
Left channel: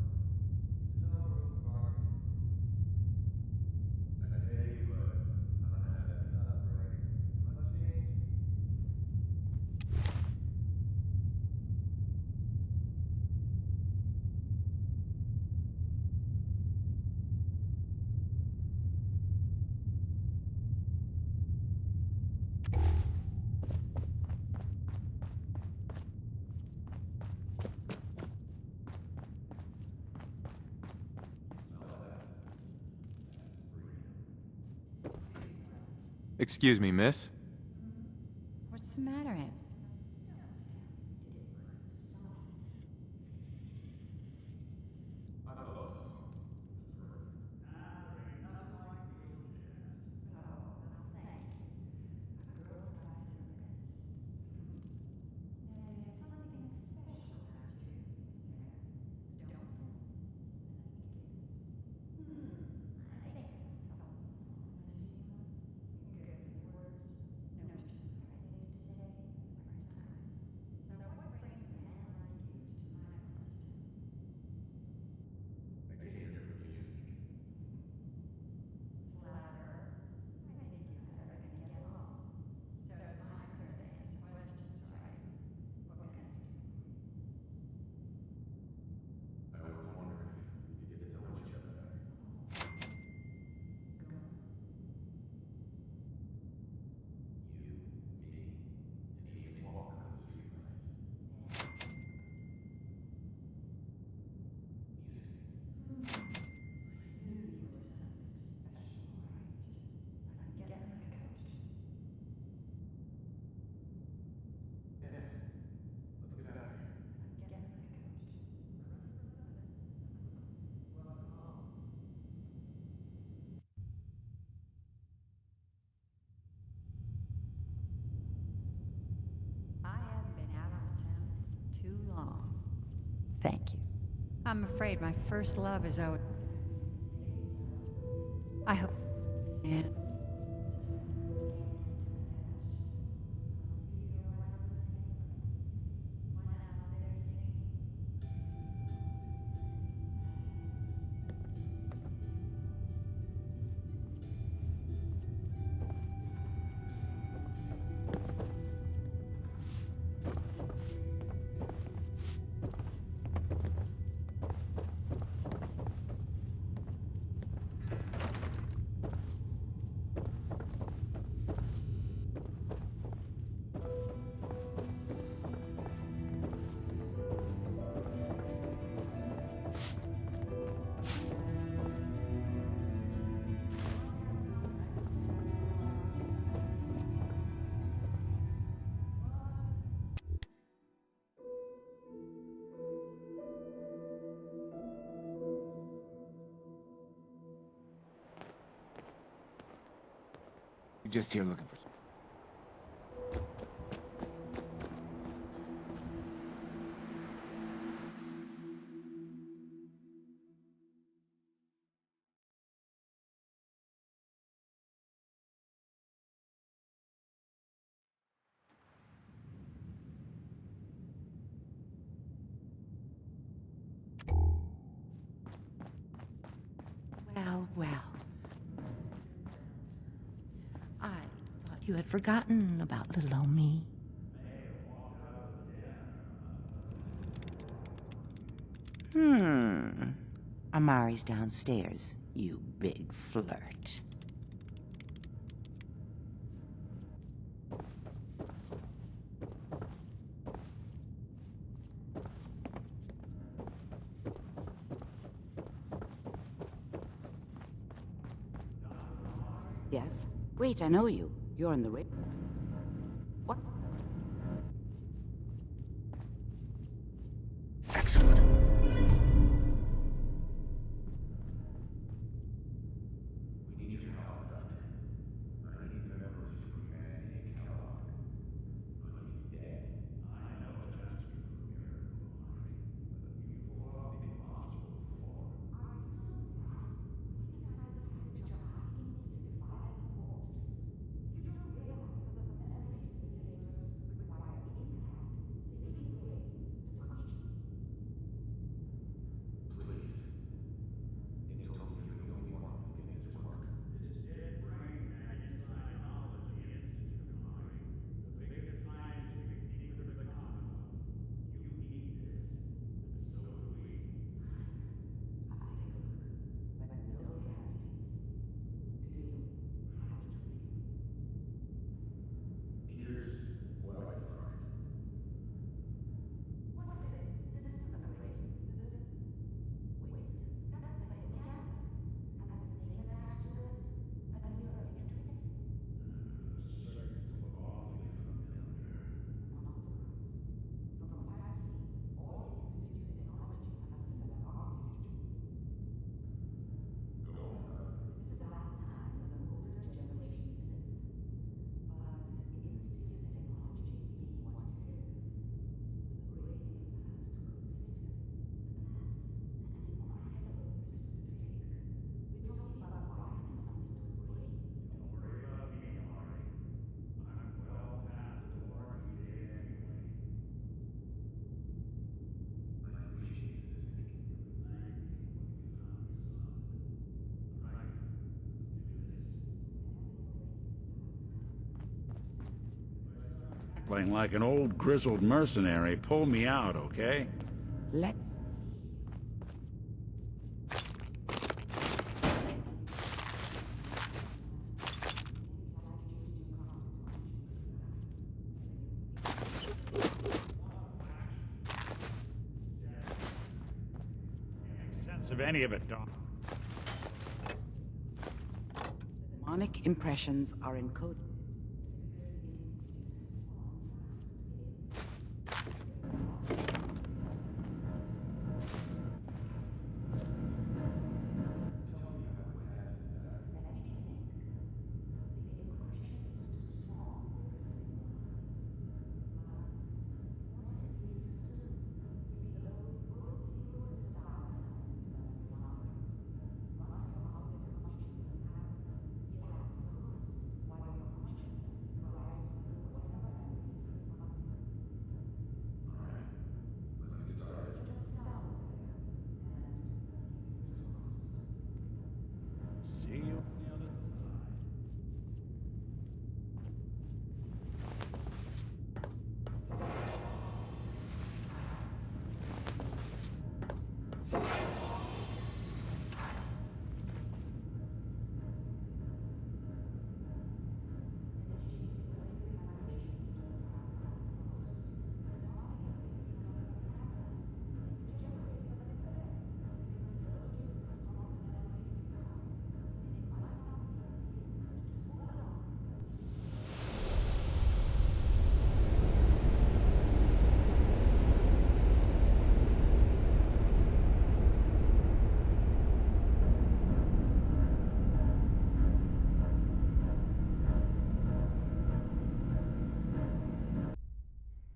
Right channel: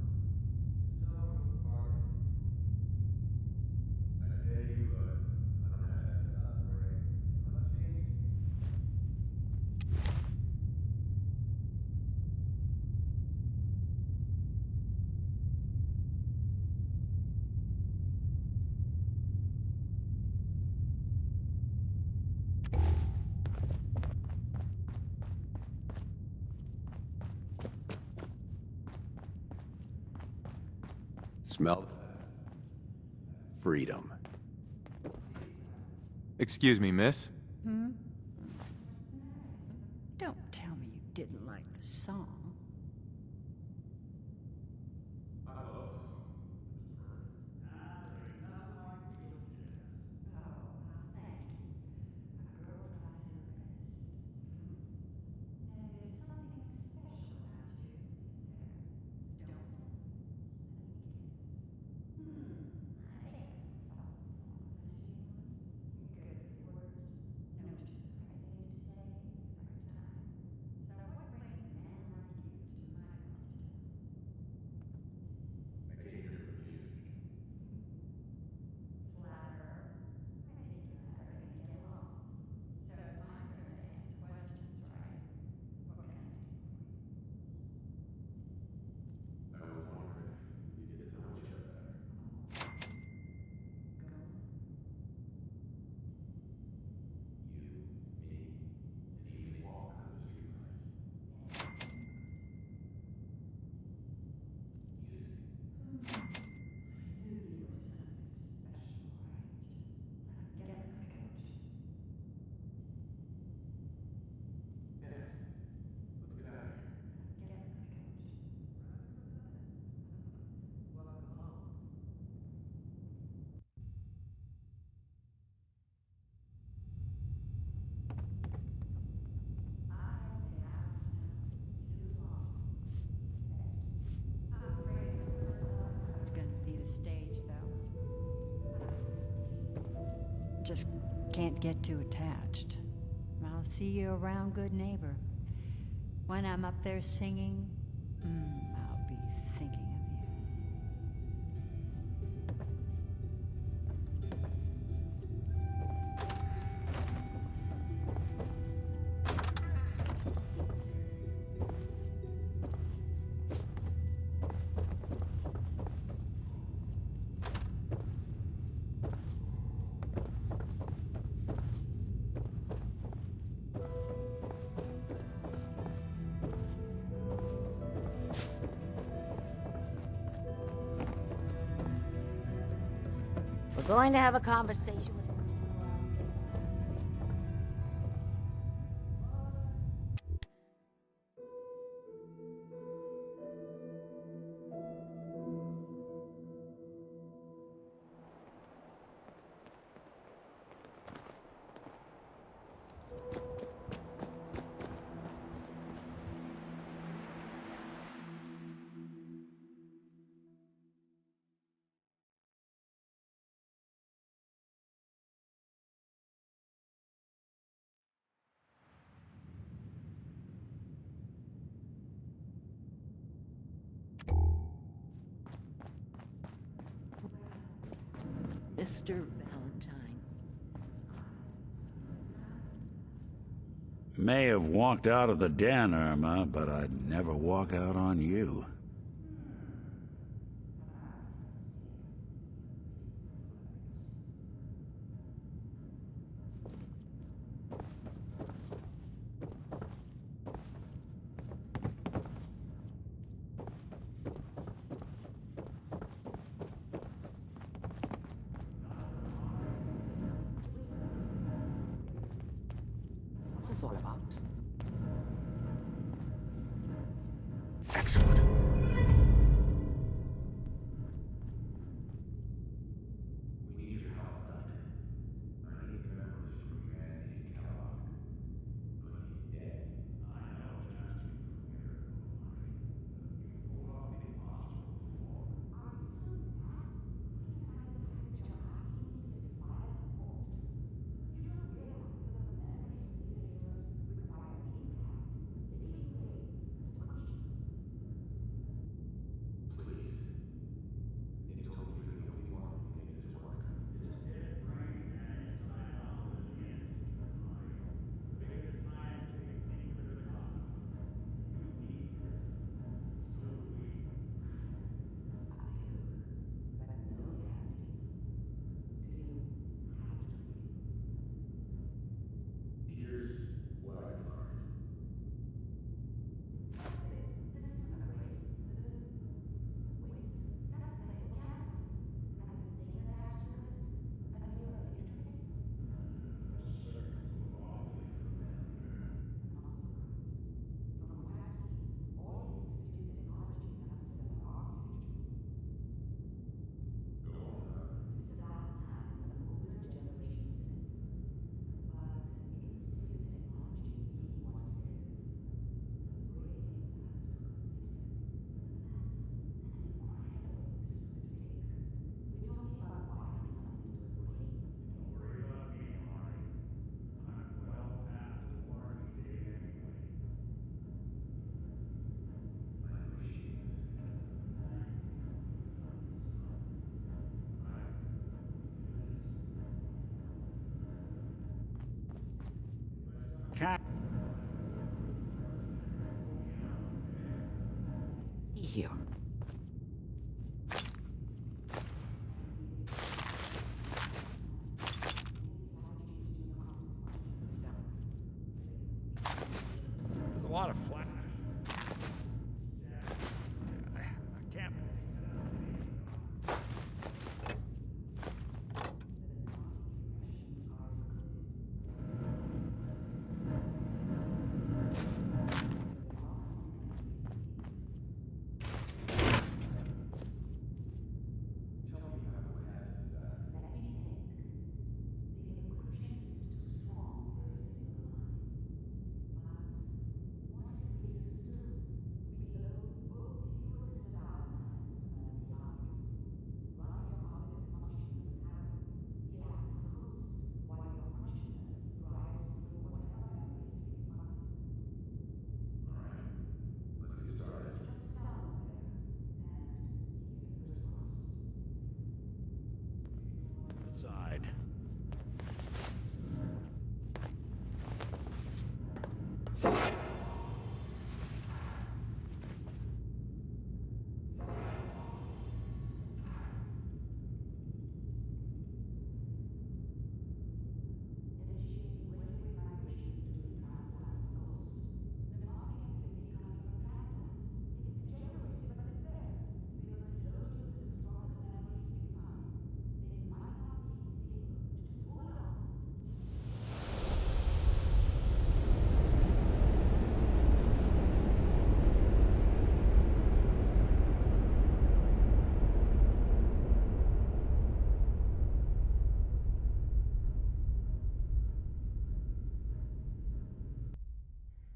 There's no room for bargaining. I pay you, but I don't have that upgrade. How much change? Smell that? Freedom. Excuse me, miss. Hmm? What's the matter, Hanson? Don't tell me you didn't like the song. Thank you. I'm afraid my first love is always going to be the stage, though. I hope. And just can't get too attached. I'll see you around, Good Neighbor. When I'm up there singing, I'll be thinking of you. Going to have a conversation. You're just here looking for Well, Mr. Valentine, I thought you had forgotten about little old me. May have walked out of the den, Irma, but I'd never walk out on you. Amari's downstairs, you big flirt. Yes. Wait, I know you. You're in the rig. What's this all about? Excellent. Cackling like an old grizzled mercenary. Pull me out, okay? Let's see here. A lot of flash. I can't make sense of any of it, Doc. Demonic impressions are encoded.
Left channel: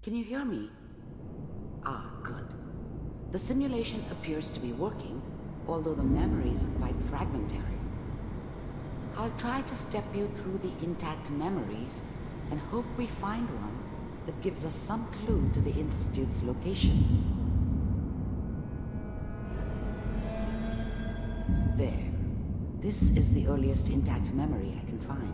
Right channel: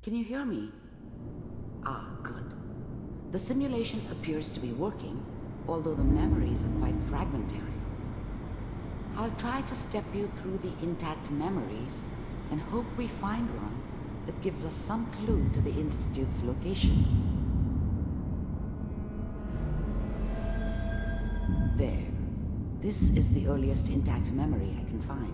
Can you hear me? Ah, good. The simulation appears to be working, although the memories are quite fragmentary. I'll try to step you through the intact memories and hope we find one that gives us some clue to the Institute's location. There. This is the earliest intact memory I can find.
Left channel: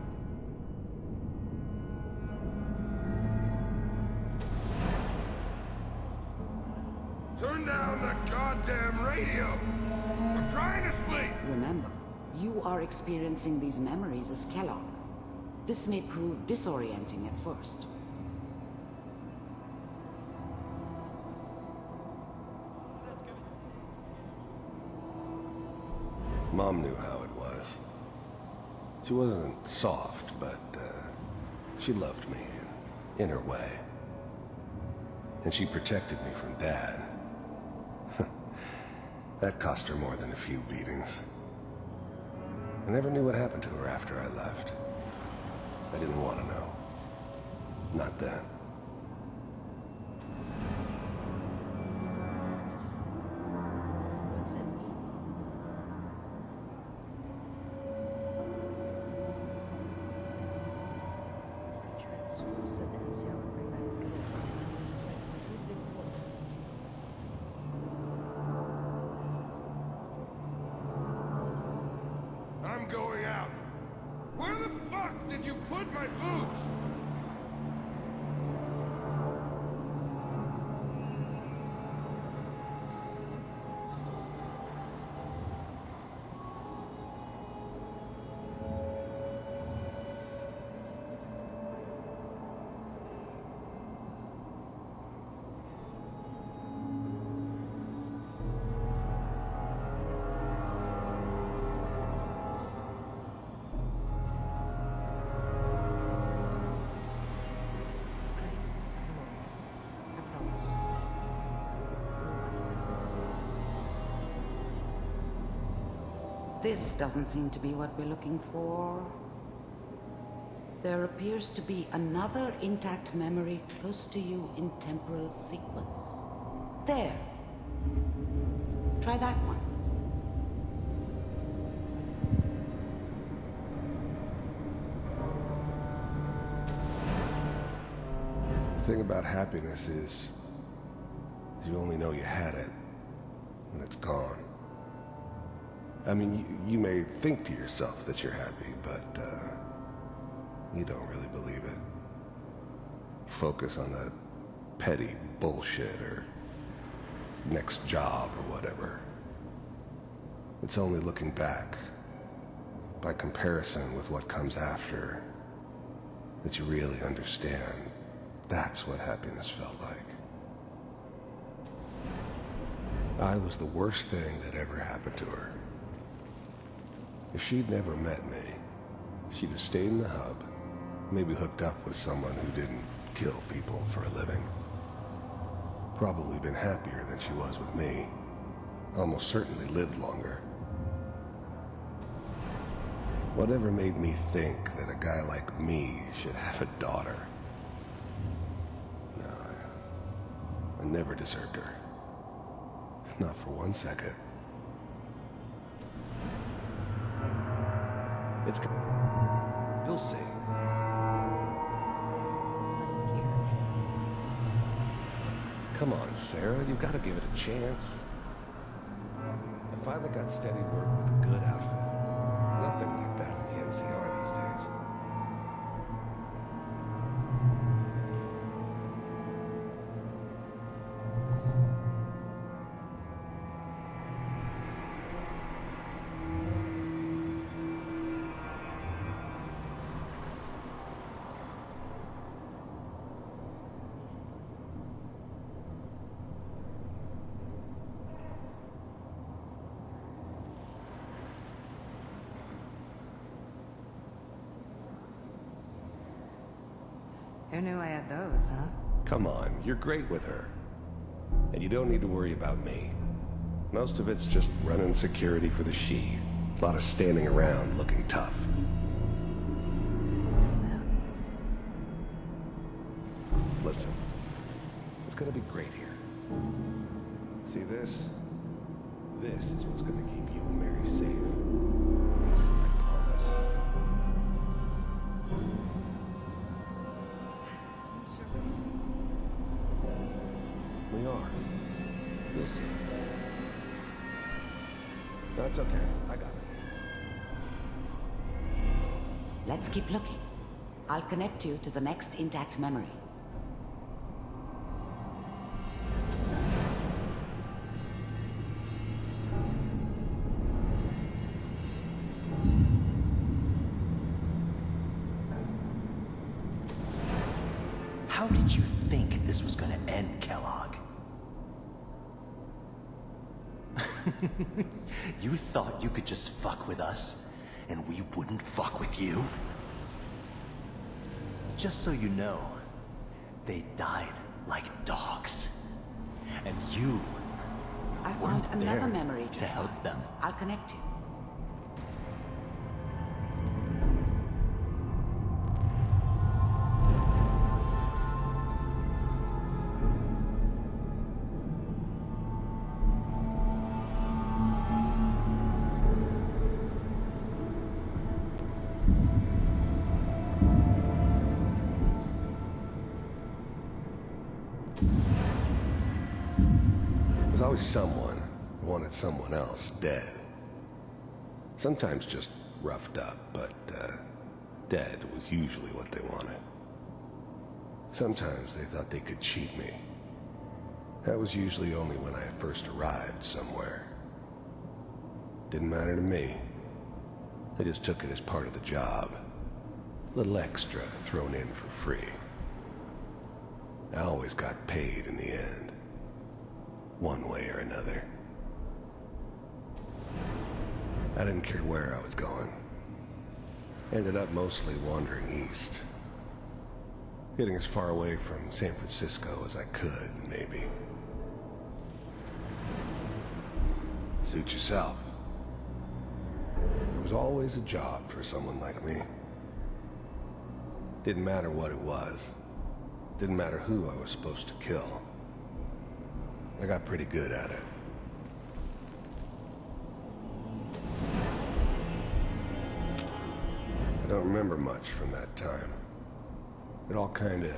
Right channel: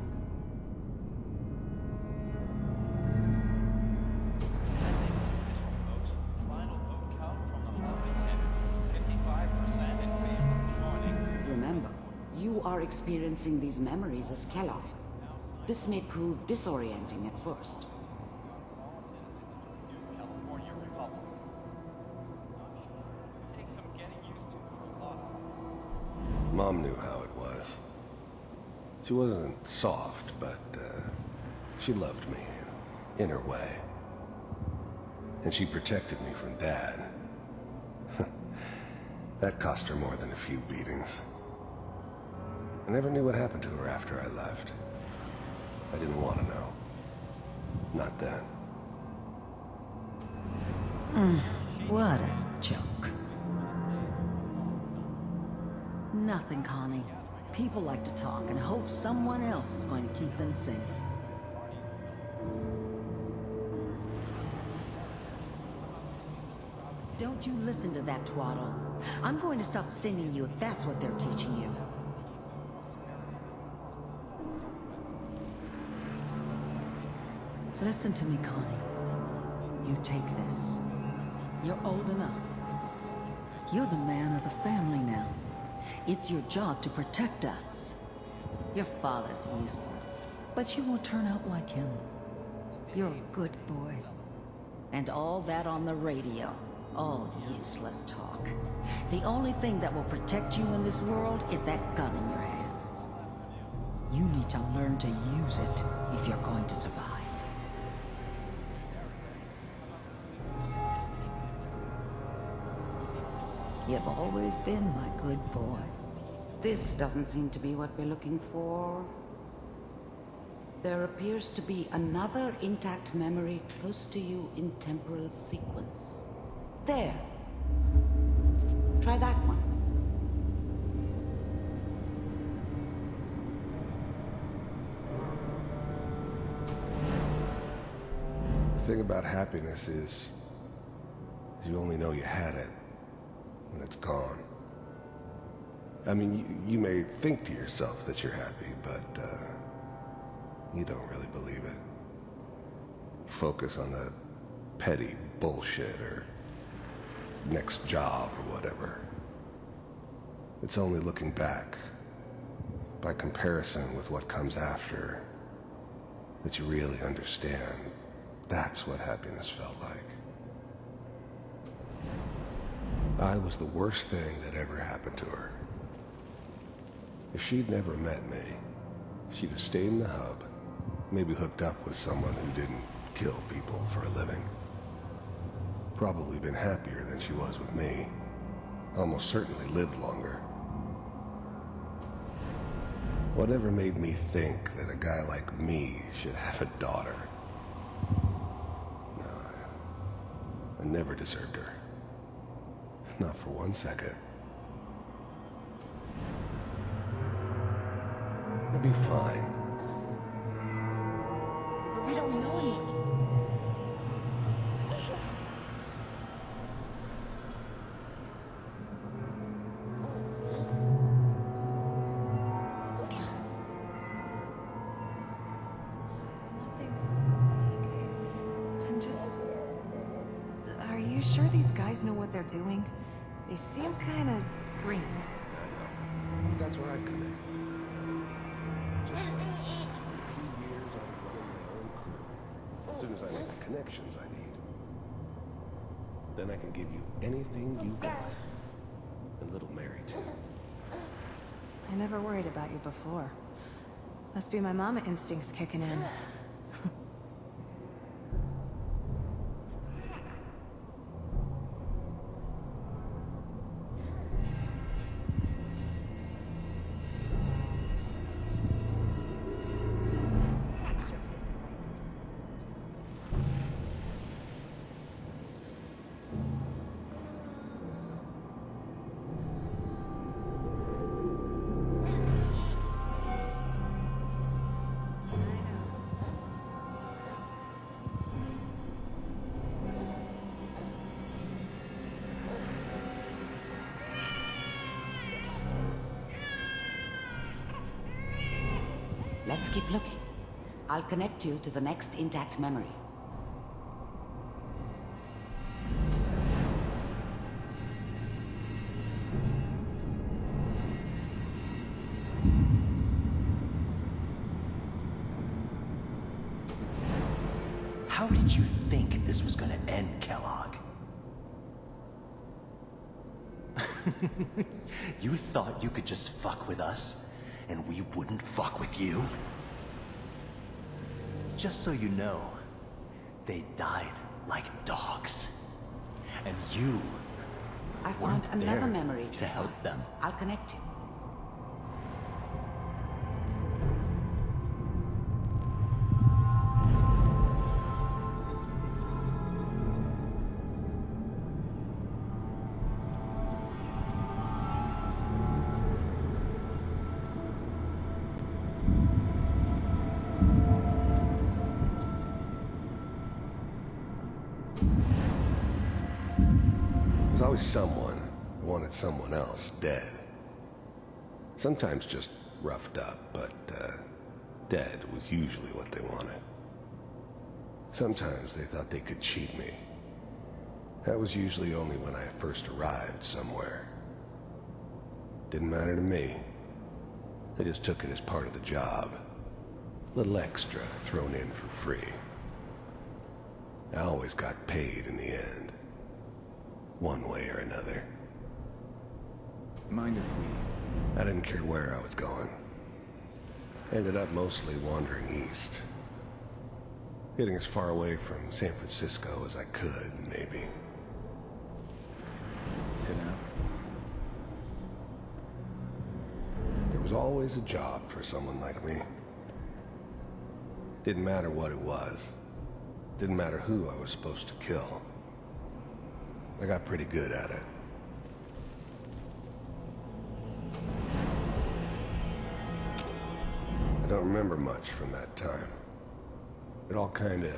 Turn down the goddamn radio! I'm trying to sleep! Remember, you are experiencing these memories as Kellogg. This may prove disorienting at first. Mom knew how it was. She wasn't soft, but she loved me in her way. And she protected me from Dad. That cost her more than a few beatings. I never knew what happened to her after I left. I didn't want to know. Not then. What a joke. Nothing, Connie. People like to talk and hope someone else is going to keep them safe. Don't you listen to that twaddle. I'm going to stop singing you if that's what they're teaching you. I'm going out. Where the fuck did you put my food? Listen to me, Connie. You take this. You're old enough. You're the man of the family now. It's your job to protect us. Your father's useless, but you won't turn out like him. You're a good boy. And all that on the radio, all useless talk. The only thing that will protect you in this world is that gun in your hands. You need to learn to use it if you're going to survive. You've always been my good boy. This doesn't seem to be what we're looking for. There appears to be another intact memory close to you in temporal sequence. There. Try that one. The thing about happiness is you only know you had it when it's gone. I mean, you may think to yourself that you're happy, but you don't really believe it. Focus on the petty bullshit or next job or whatever. It's only looking back, by comparison with what comes after, that you really understand that's what happiness felt like. I was the worst thing that ever happened to her. If she'd never met me, she'd have stayed in the hub, maybe hooked up with someone who didn't kill people for a living. Probably been happier than she was with me. Almost certainly lived longer. Whatever made me think that a guy like me should have a daughter? No, I never deserved her. Not for 1 second. It's gonna be fine. You'll see. We don't know anyone here. Come on, Sarah. You've got to give it a chance. I finally got steady work with a good outfit. Nothing left out of the NCR these days. I'm just... Are you sure these guys know what they're doing? They seem kind of green. That's where I come in. Just as soon as I make the connections I need, then I can give you anything you want. And little Mary, too. I never worried about you before. Must be my mama instincts kicking in. Who knew I had those, huh? Come on, you're great with her. And you don't need to worry about me. Most of it's just running security for the she. A lot of standing around looking tough. Listen, this is what's gonna keep you and Mary safe. We are. You'll see. That's okay. I got it. Let's keep looking. I'll connect you to the next intact memory. How did you think this was gonna end, Kellogg? You thought you could just fuck with us, and we wouldn't fuck with you? Just so you know, they died like dogs. And you I found weren't another there memory to help them. I'll connect you. There's always someone who wanted someone else dead. Sometimes just roughed up, but dead was usually what they wanted. Sometimes they thought they could cheat me. That was usually only when I first arrived somewhere. Didn't matter to me. They just took it as part of the job. A little extra thrown in for free. I always got paid in the end. One way or another. Mind if I didn't care where I was going. Ended up mostly wandering east. Getting as far away from San Francisco as I could, maybe. Suit yourself. There was always a job for someone like me. Didn't matter what it was. Didn't matter who I was supposed to kill. I got pretty good at it. I don't remember much from that time. It all kinda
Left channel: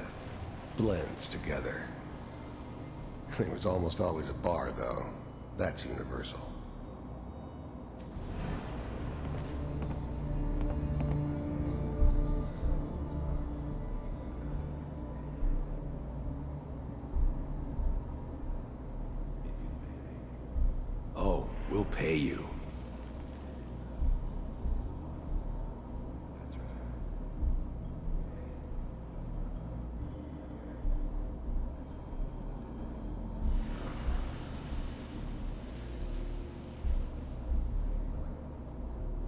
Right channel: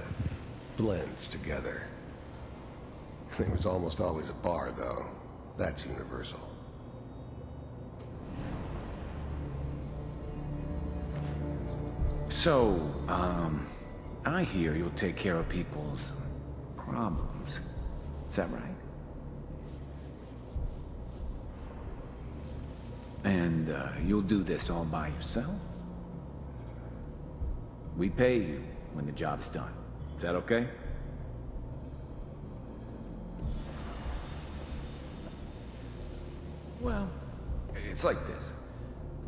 blends together. There was almost always a bar, though. That's universal. So, I hear you'll take care of people's problems. Is that right? Oh, we'll pay you. And, you'll do this all by yourself? We pay you when the job's done. Is that okay? Well, it's like this.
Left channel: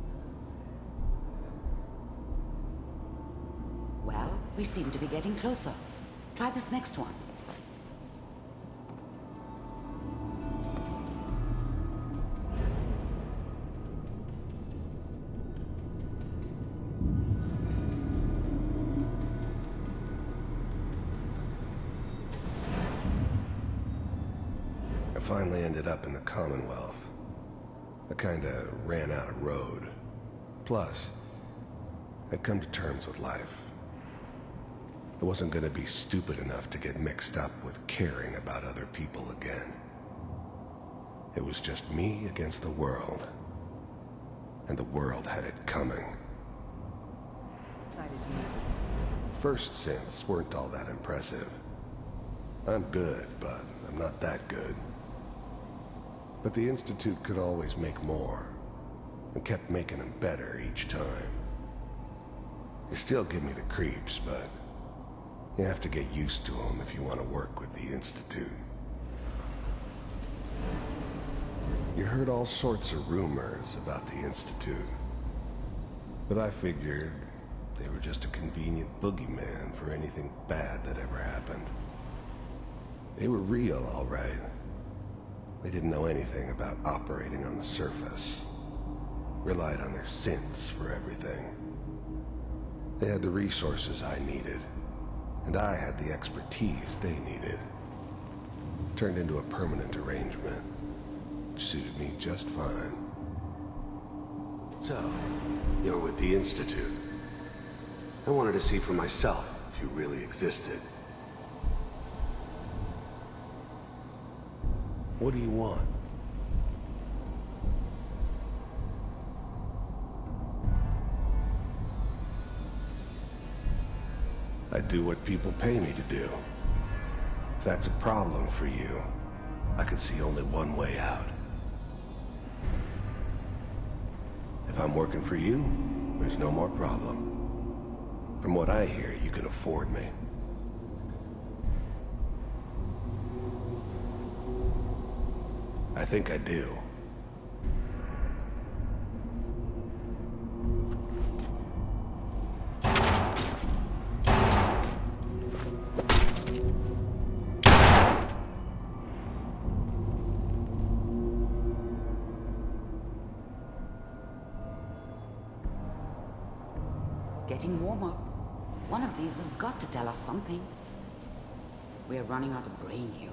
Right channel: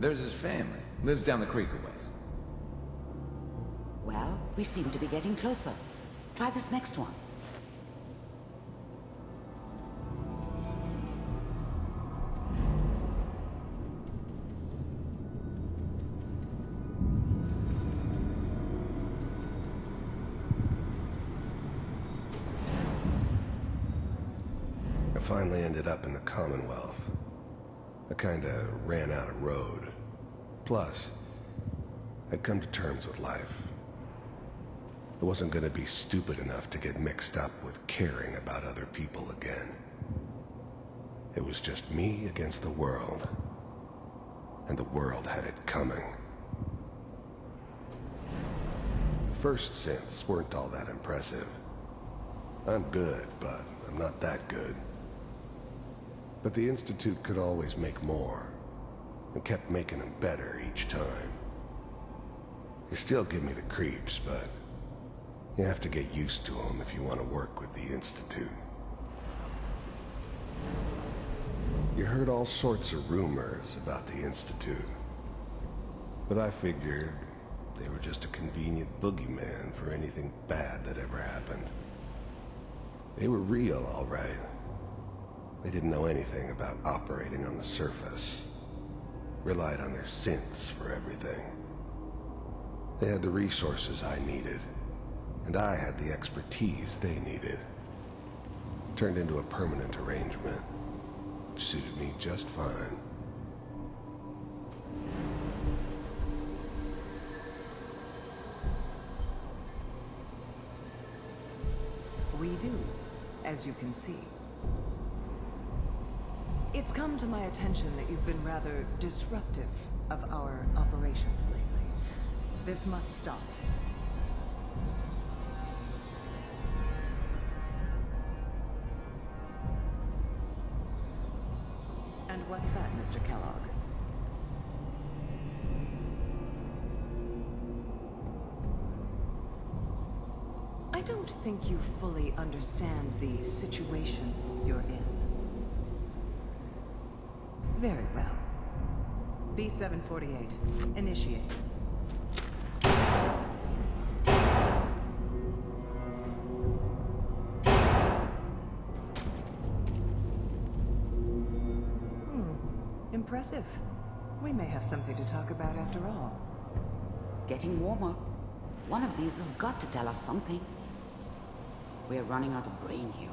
There's his family. Lives down the creek a ways. Well, we seem to be getting closer. Try this next one. I finally ended up in the Commonwealth. I kinda ran out of road. Plus, I'd come to terms with life. I wasn't gonna be stupid enough to get mixed up with caring about other people again. It was just me against the world. And the world had it coming. The first synths weren't all that impressive. I'm good, but I'm not that good. But the Institute could always make more, and kept making them better each time. They still give me the creeps, but you have to get used to them if you want to work with the Institute. You heard all sorts of rumors about the Institute, but I figured they were just a convenient boogeyman for anything bad that ever happened. They were real, all right. They didn't know anything about operating on the surface. Relied on their synths for everything. They had the resources I needed, and I had the expertise they needed. Turned into a permanent arrangement. Suited me just fine. So, you're with the Institute. I wanted to see for myself if you really existed. We do, as you can see. What do you want? It's come to my attention that you've been rather disruptive of our operations lately. This must stop. I do what people pay me to do. If that's a problem for you, I could see only one way out. And what's that, Mr. Kellogg? If I'm working for you, there's no more problem. From what I hear, you can afford me. I don't think you fully understand the situation you're in. I think I do. Very well. B-748, initiate. Impressive. We may have something to talk about after all. Getting warmer. One of these has got to tell us something. We're running out of brain here.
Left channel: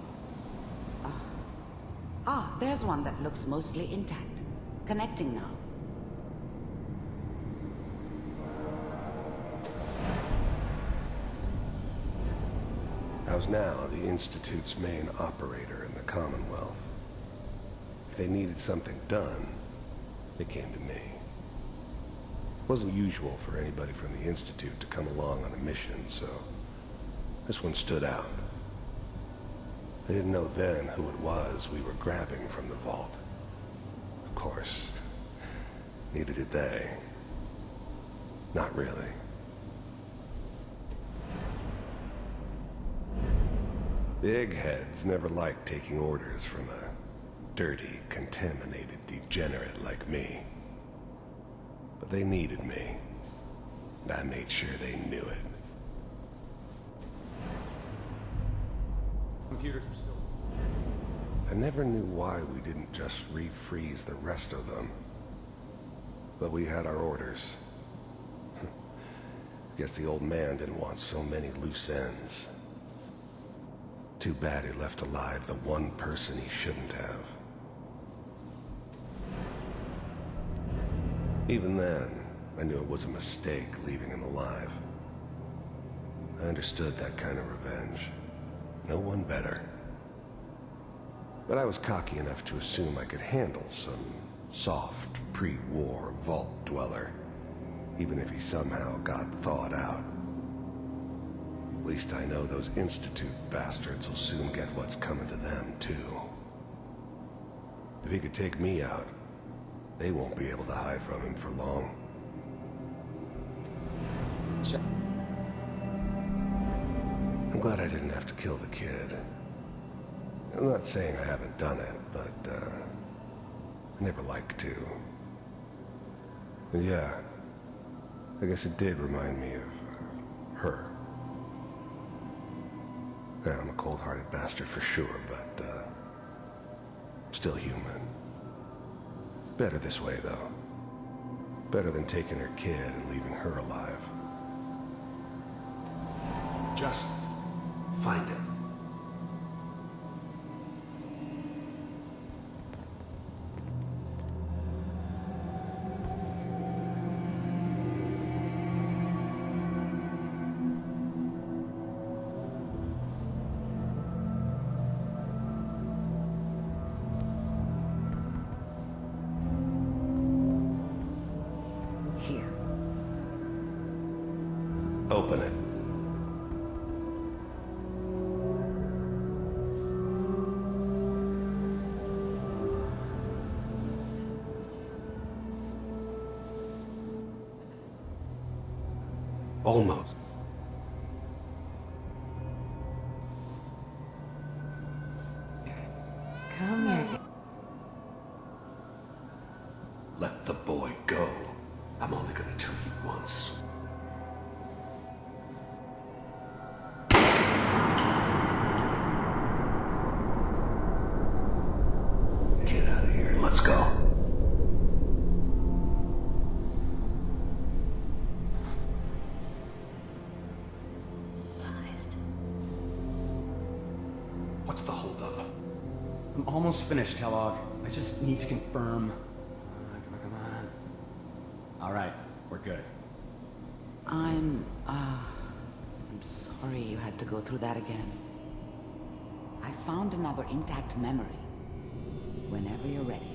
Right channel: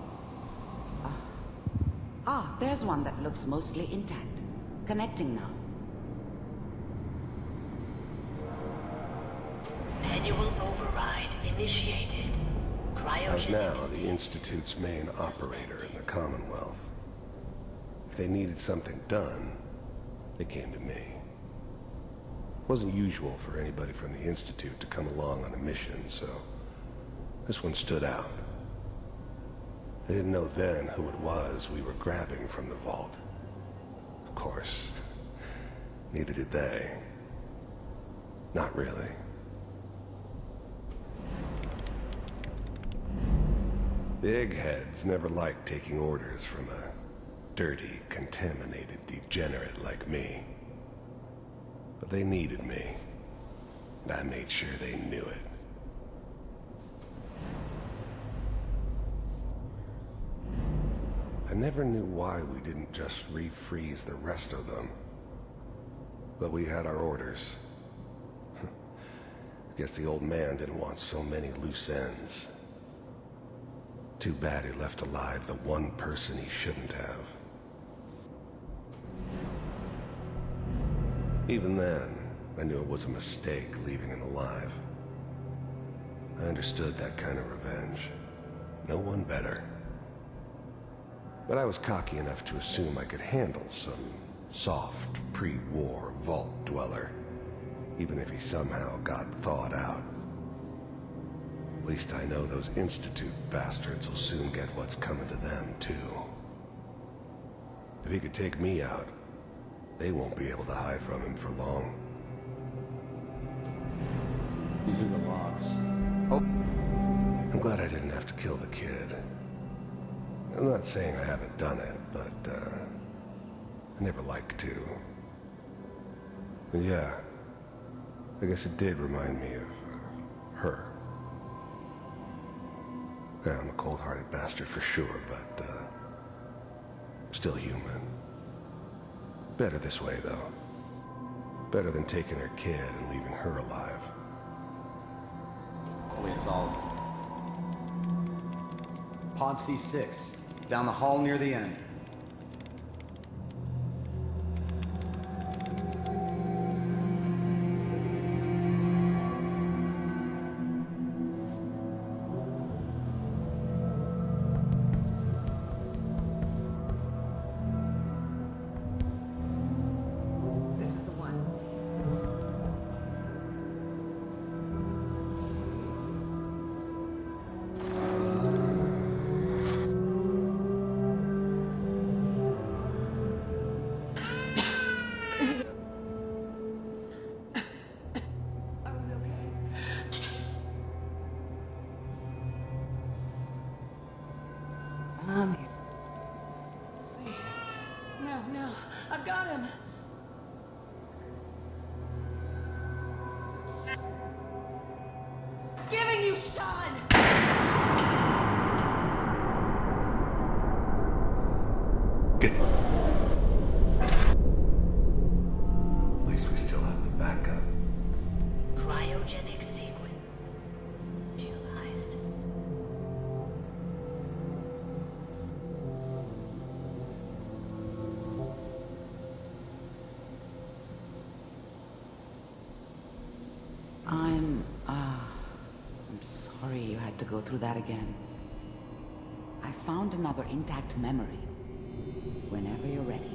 There's one that looks mostly intact. Connecting now. Manual override initiated. I was now the Institute's main operator in the Commonwealth. If they needed something done, they came to me. It wasn't usual for anybody from the Institute to come along on a mission, so this one stood out. I didn't know then who it was we were grabbing from the vault. Of course, neither did they. Not really. The eggheads never liked taking orders from a dirty, contaminated degenerate like me. But they needed me, and I made sure they knew it. Computers are still... I never knew why we didn't just refreeze the rest of them. But we had our orders. Guess the old man didn't want so many loose ends. Too bad he left alive the one person he shouldn't have. Even then, I knew it was a mistake leaving him alive. I understood that kind of revenge. No one better. But I was cocky enough to assume I could handle some soft, pre-war vault dweller, even if he somehow got thawed out. At least I know those Institute bastards will soon get what's coming to them, too. If he could take me out, they won't be able to hide from him for long. Check these are the logs. Oh. I'm glad I didn't have to kill the kid. I'm not saying I haven't done it, but, I never like to. And yeah, I guess it did remind me of, her. Yeah, I'm a cold-hearted bastard for sure, but, still human. Better this way, though. Better than taking her kid and leaving her alive. It's all just... find it. Pod C6. Down the hall near the end. This is the one. Here. Open it. Almost. Come here. Come here. No, I've got him. Let the boy go. I'm only gonna tell you once. Giving you, Sean! Get the kid out of here. Let's go. At least we still have the backup. Cryogenic sequence utilized. What's the holdup? I'm almost finished, Kellogg. I I just need to confirm. Come on. All right, we're good. I'm sorry you had to go through that again. I found another intact memory. Whenever you're ready.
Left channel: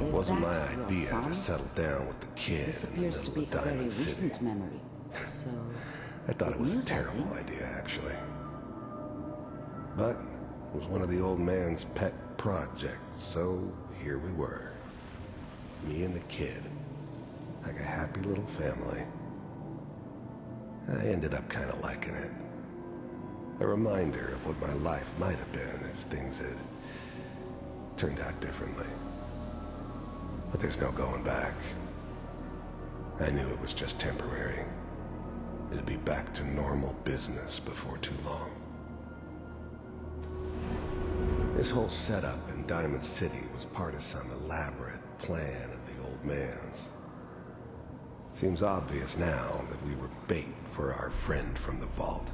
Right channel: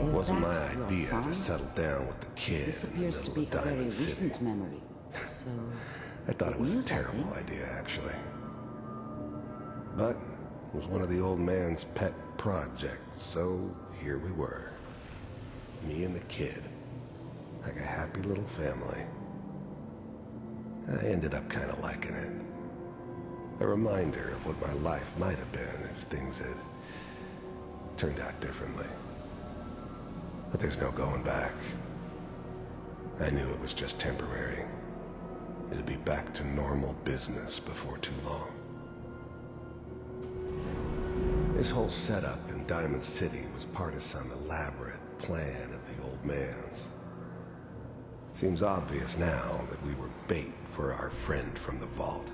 Is Wasn't my that your idea son? to settle down with the kid This in the appears to middle be of a very Diamond City. recent memory. So I thought it was a news, I terrible think. idea, actually. But it was one of the old man's pet projects, so here we were. Me and the kid. Like a happy little family. I ended up kind of liking it. A reminder of what my life might have been if things had turned out differently. But there's no going back. I knew it was just temporary. It'd be back to normal business before too long. This whole setup in Diamond City was part of some elaborate plan of the old man's. Seems obvious now that we were bait for our friend from the vault.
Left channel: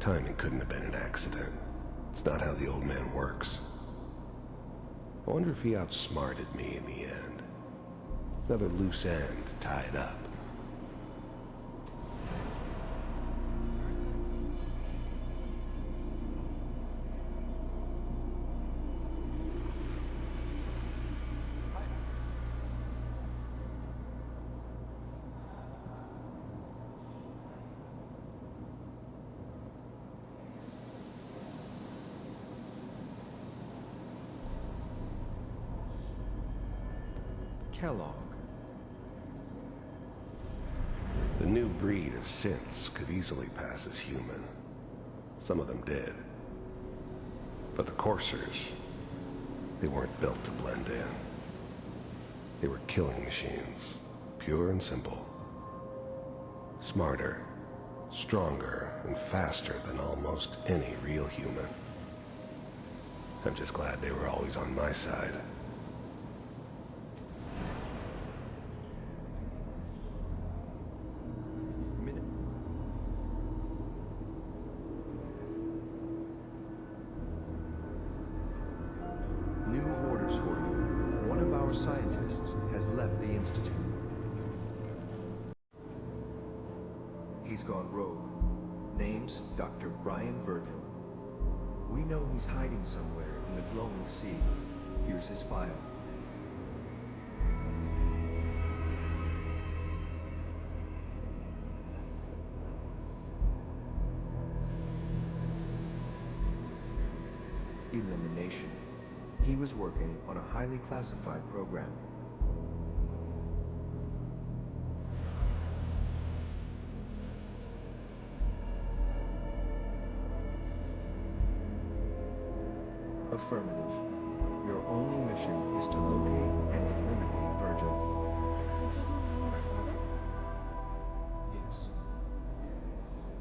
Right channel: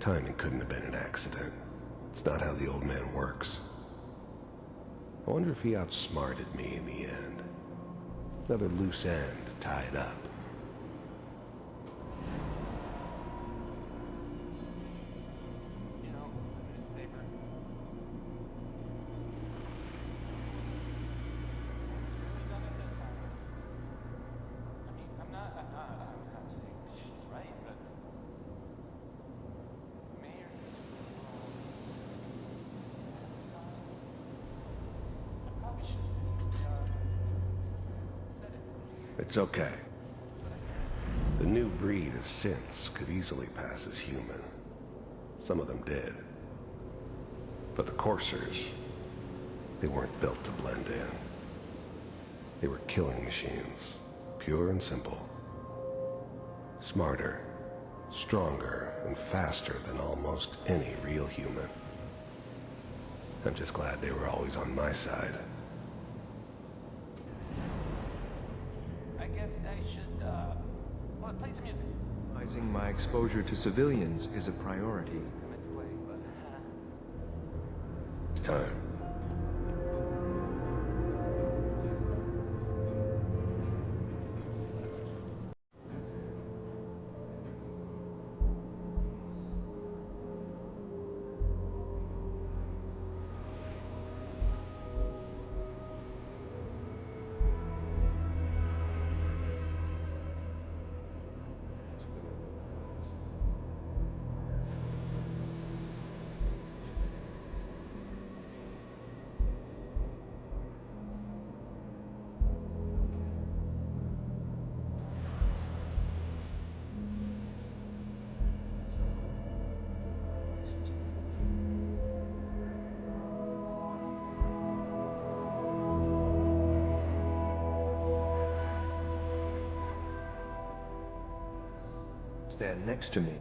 Timing couldn't have been an accident. It's not how the old man works. I wonder if he outsmarted me in the end. Another loose end tied up. Kellogg. It's okay. The new breed of synths could easily pass as human. Some of them did. But the coursers, they weren't built to blend in. They were killing machines, pure and simple. Smarter, stronger, and faster than almost any real human. I'm just glad they were always on my side. Minimizing my exposure to civilians is a priority. It's time. New orders for you. One of our scientists has left the Institute. He's gone rogue. Name's Dr. Brian Virgil. We know he's hiding somewhere in the glowing sea. Here's his file. Elimination. He was working on a highly classified program. Affirmative. Your only mission is to locate and eliminate Virgil. Yes. Stand next to me.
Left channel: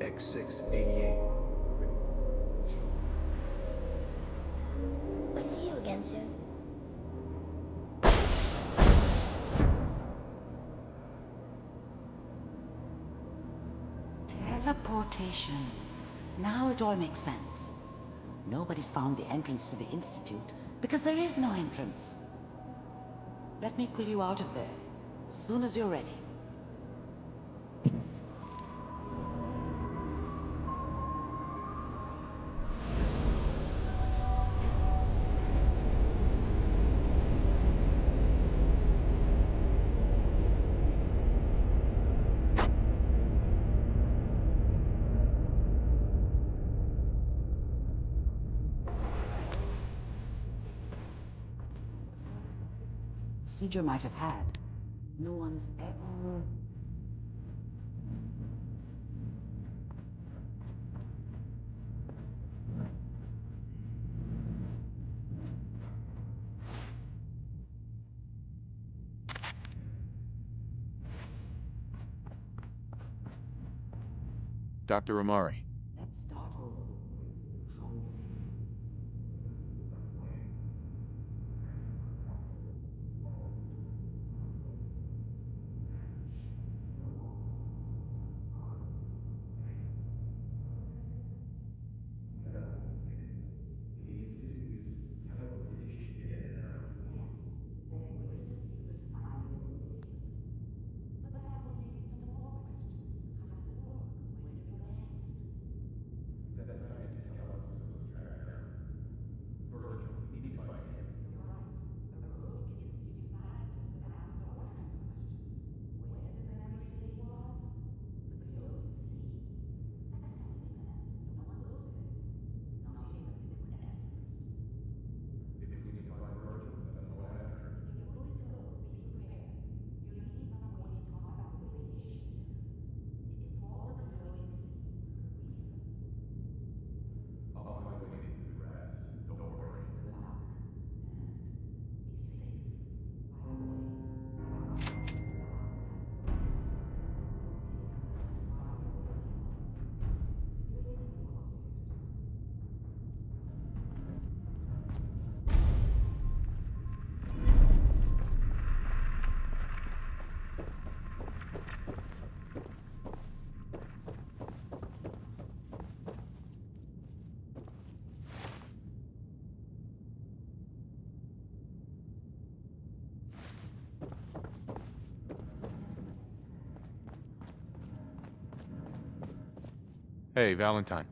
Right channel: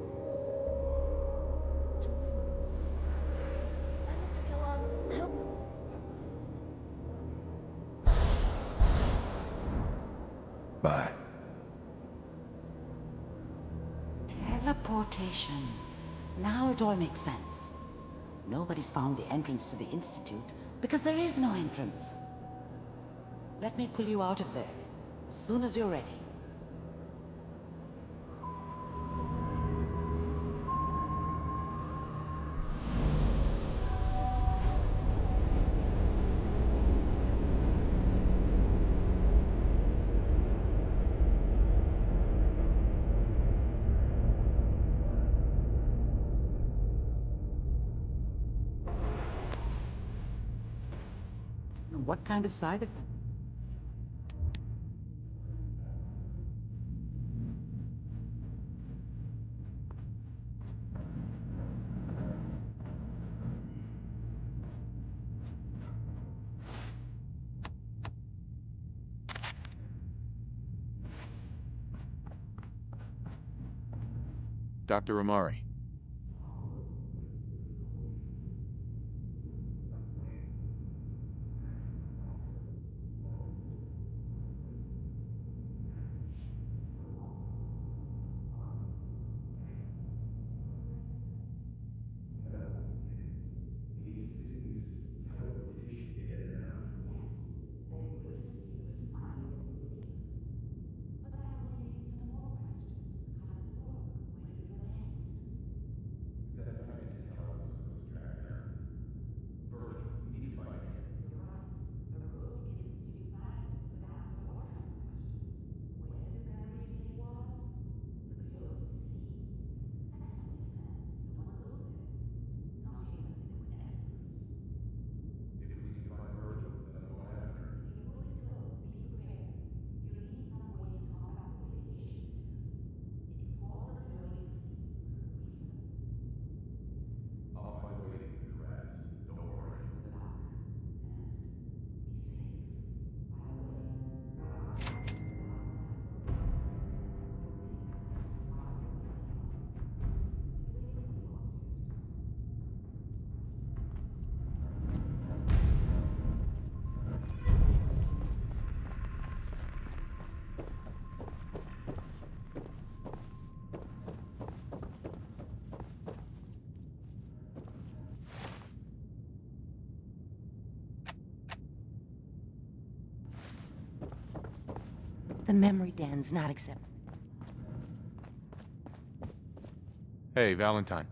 X688. I hope I see you again soon. Bye. Teleportation. Now it all makes sense. Nobody's found the entrance to the Institute because there is no entrance. Let me pull you out of there as soon as you're ready. What kind of side effect the procedure might have had? No one's ever... Dr. Amari. The memory den's not accepted. Hey, Valentine.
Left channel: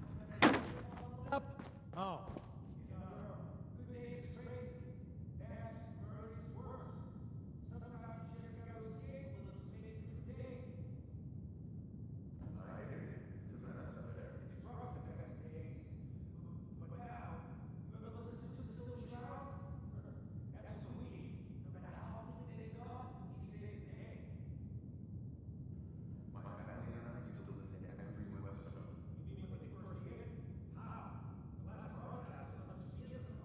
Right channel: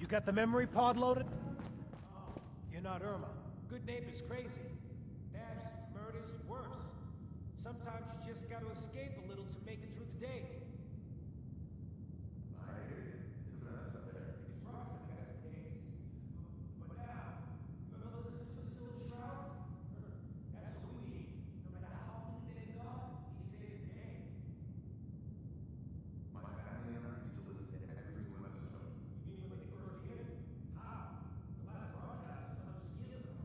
You got the memory pod loaded up? Oh, you're not Irma. Good neighbor's crazy. Thefts, murders, worse. Sometimes you just gotta escape a little to make it through the day. I hear you. It's a mess up there. It's rough in the best days. But now, you ever listen to Silver Shroud? That's what we need. No matter how many days gone, he saved the day. My family and I used to listen to every new episode. You mean when they first began? How? The last broadcast was hundreds of years ago.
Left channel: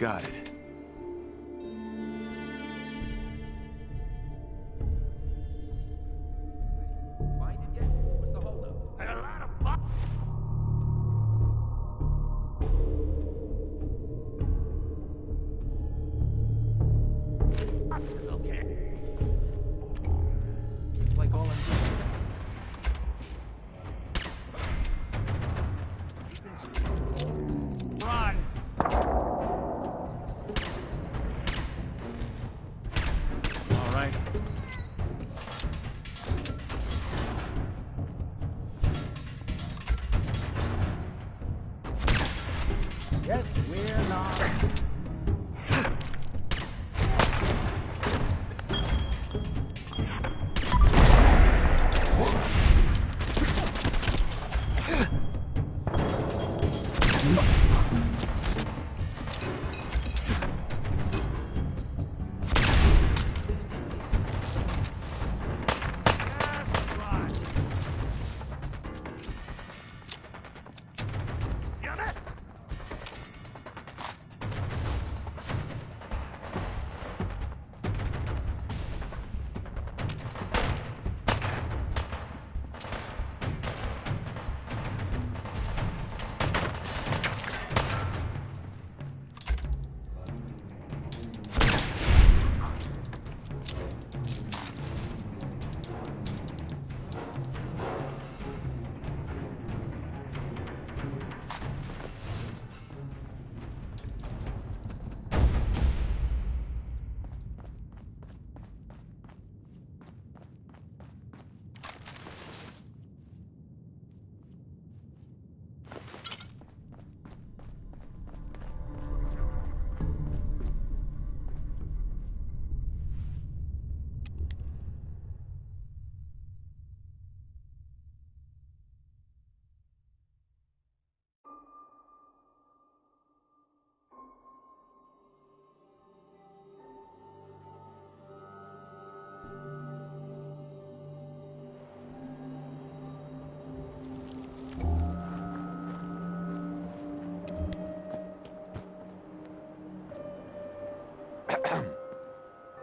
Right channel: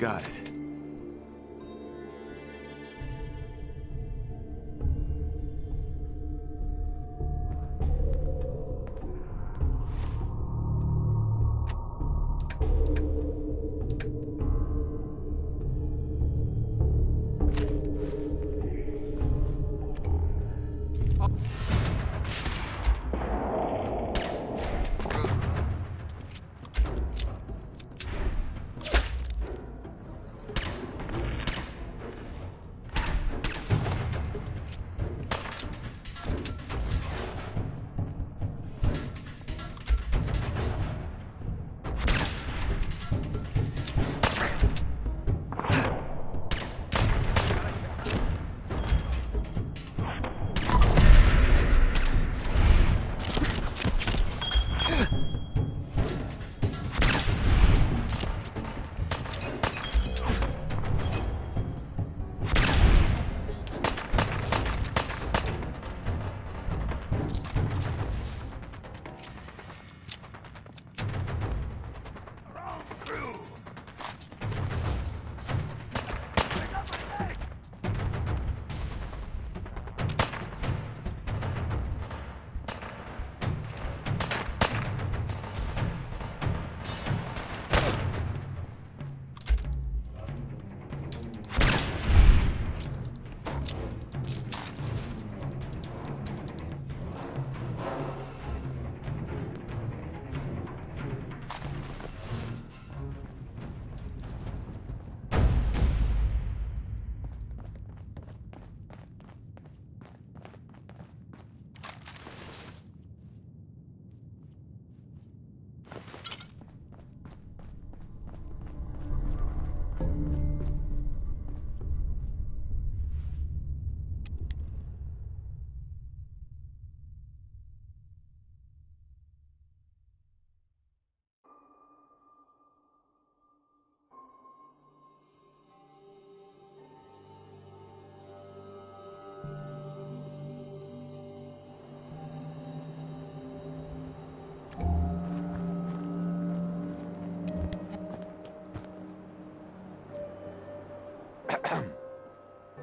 Got it.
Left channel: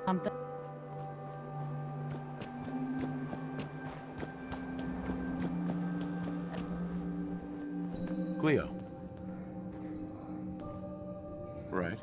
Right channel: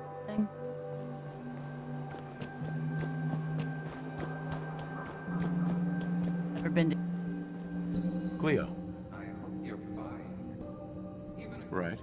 Something? Never been to... Cleo. Right.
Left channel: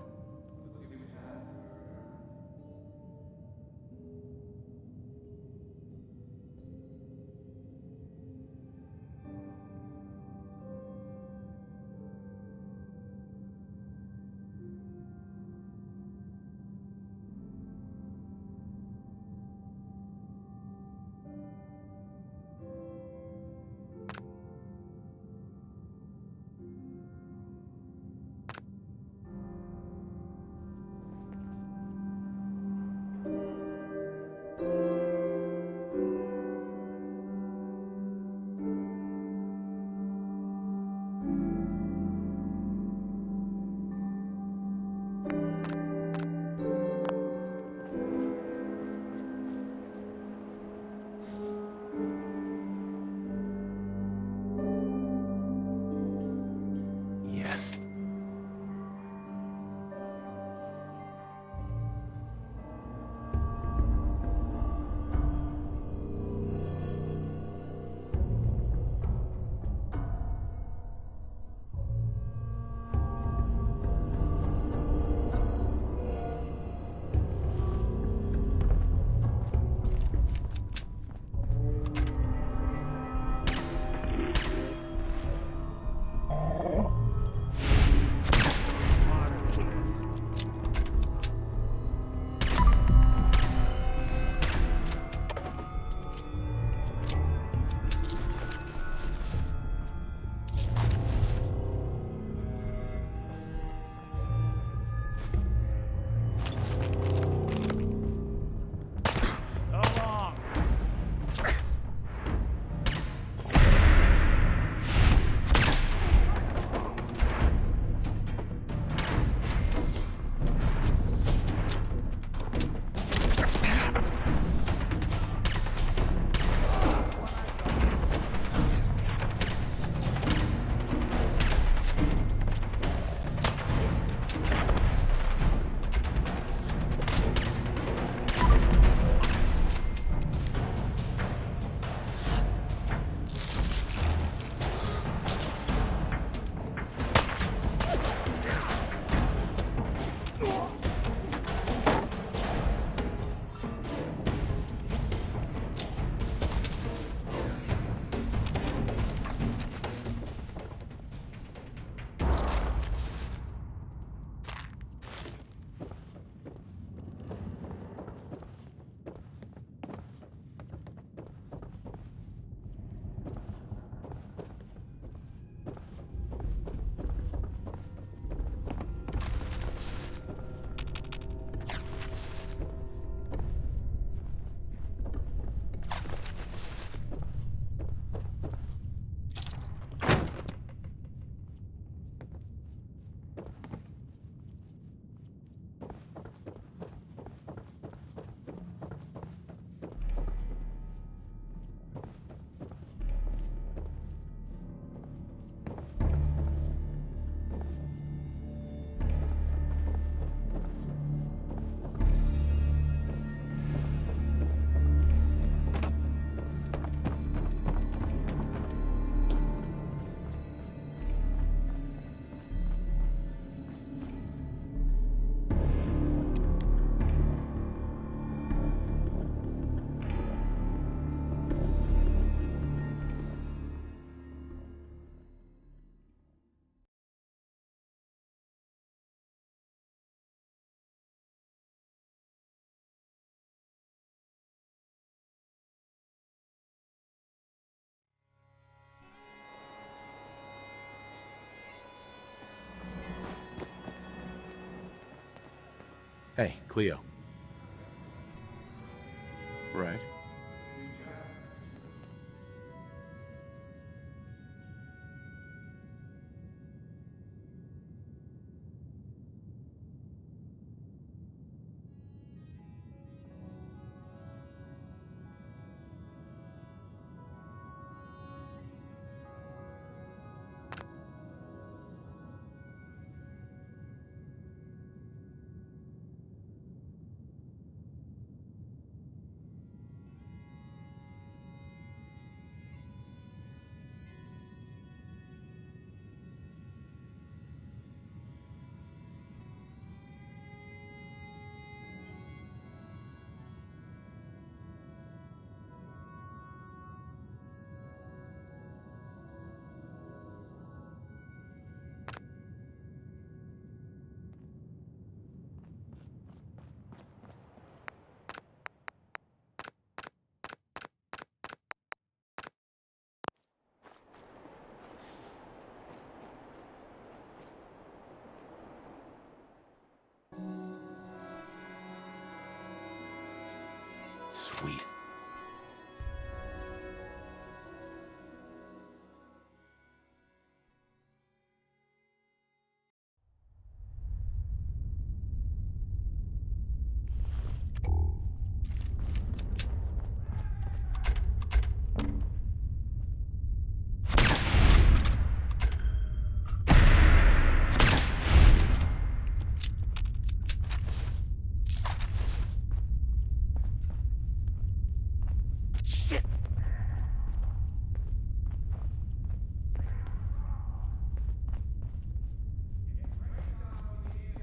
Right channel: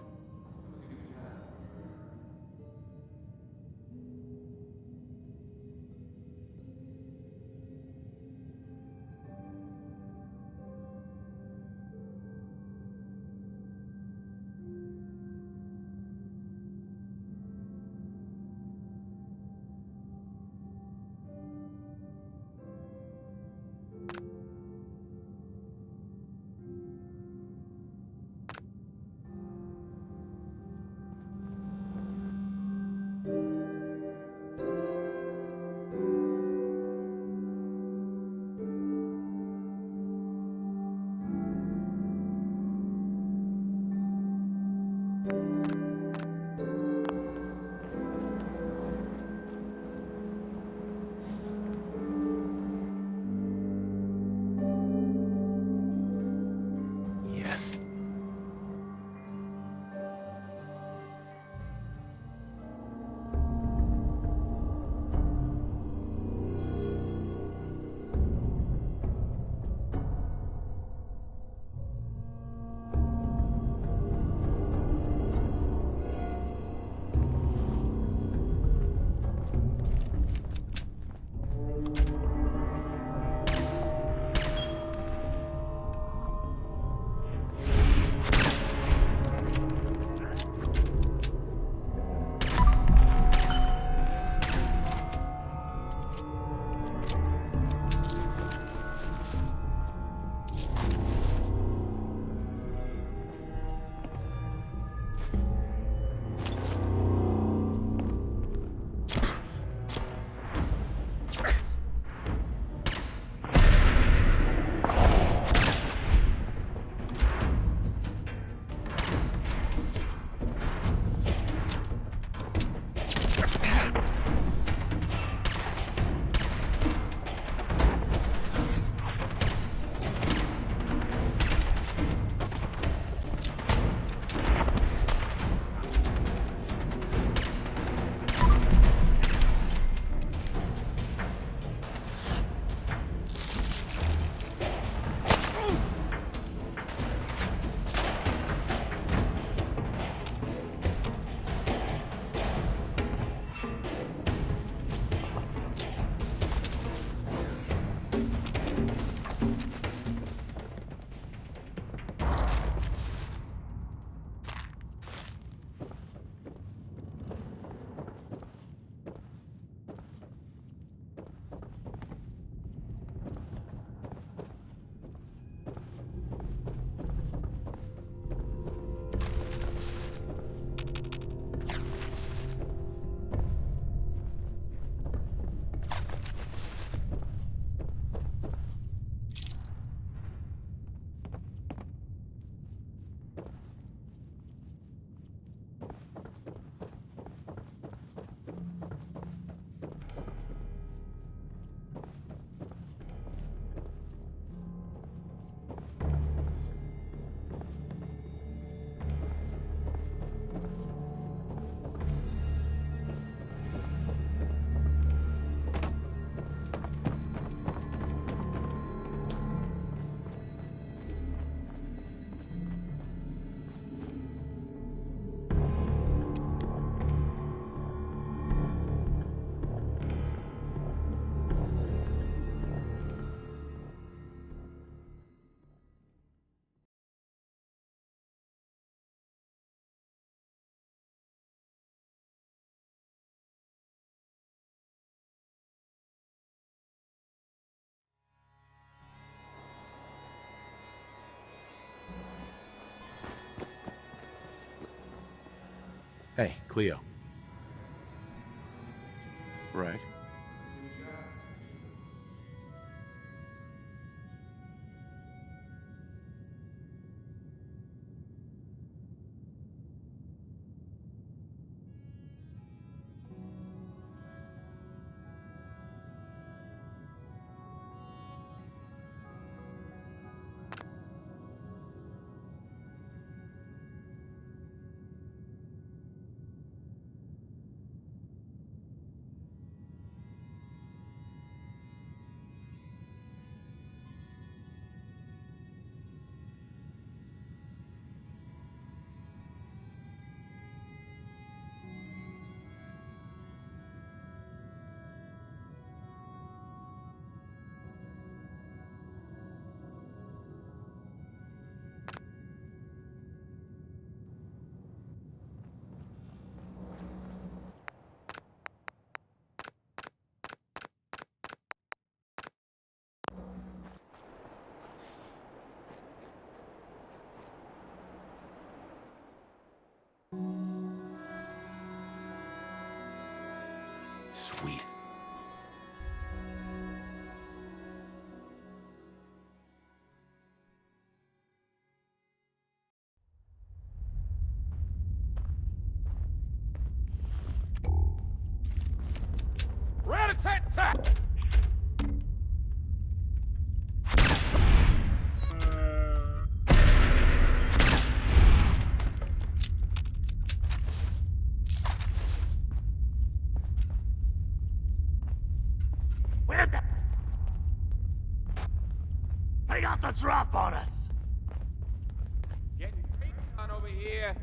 Hey, Cleo. Right. Sweet. Rat-a-tat-tat! Shit, where the... They got the drop on us! Getting creeped on over here.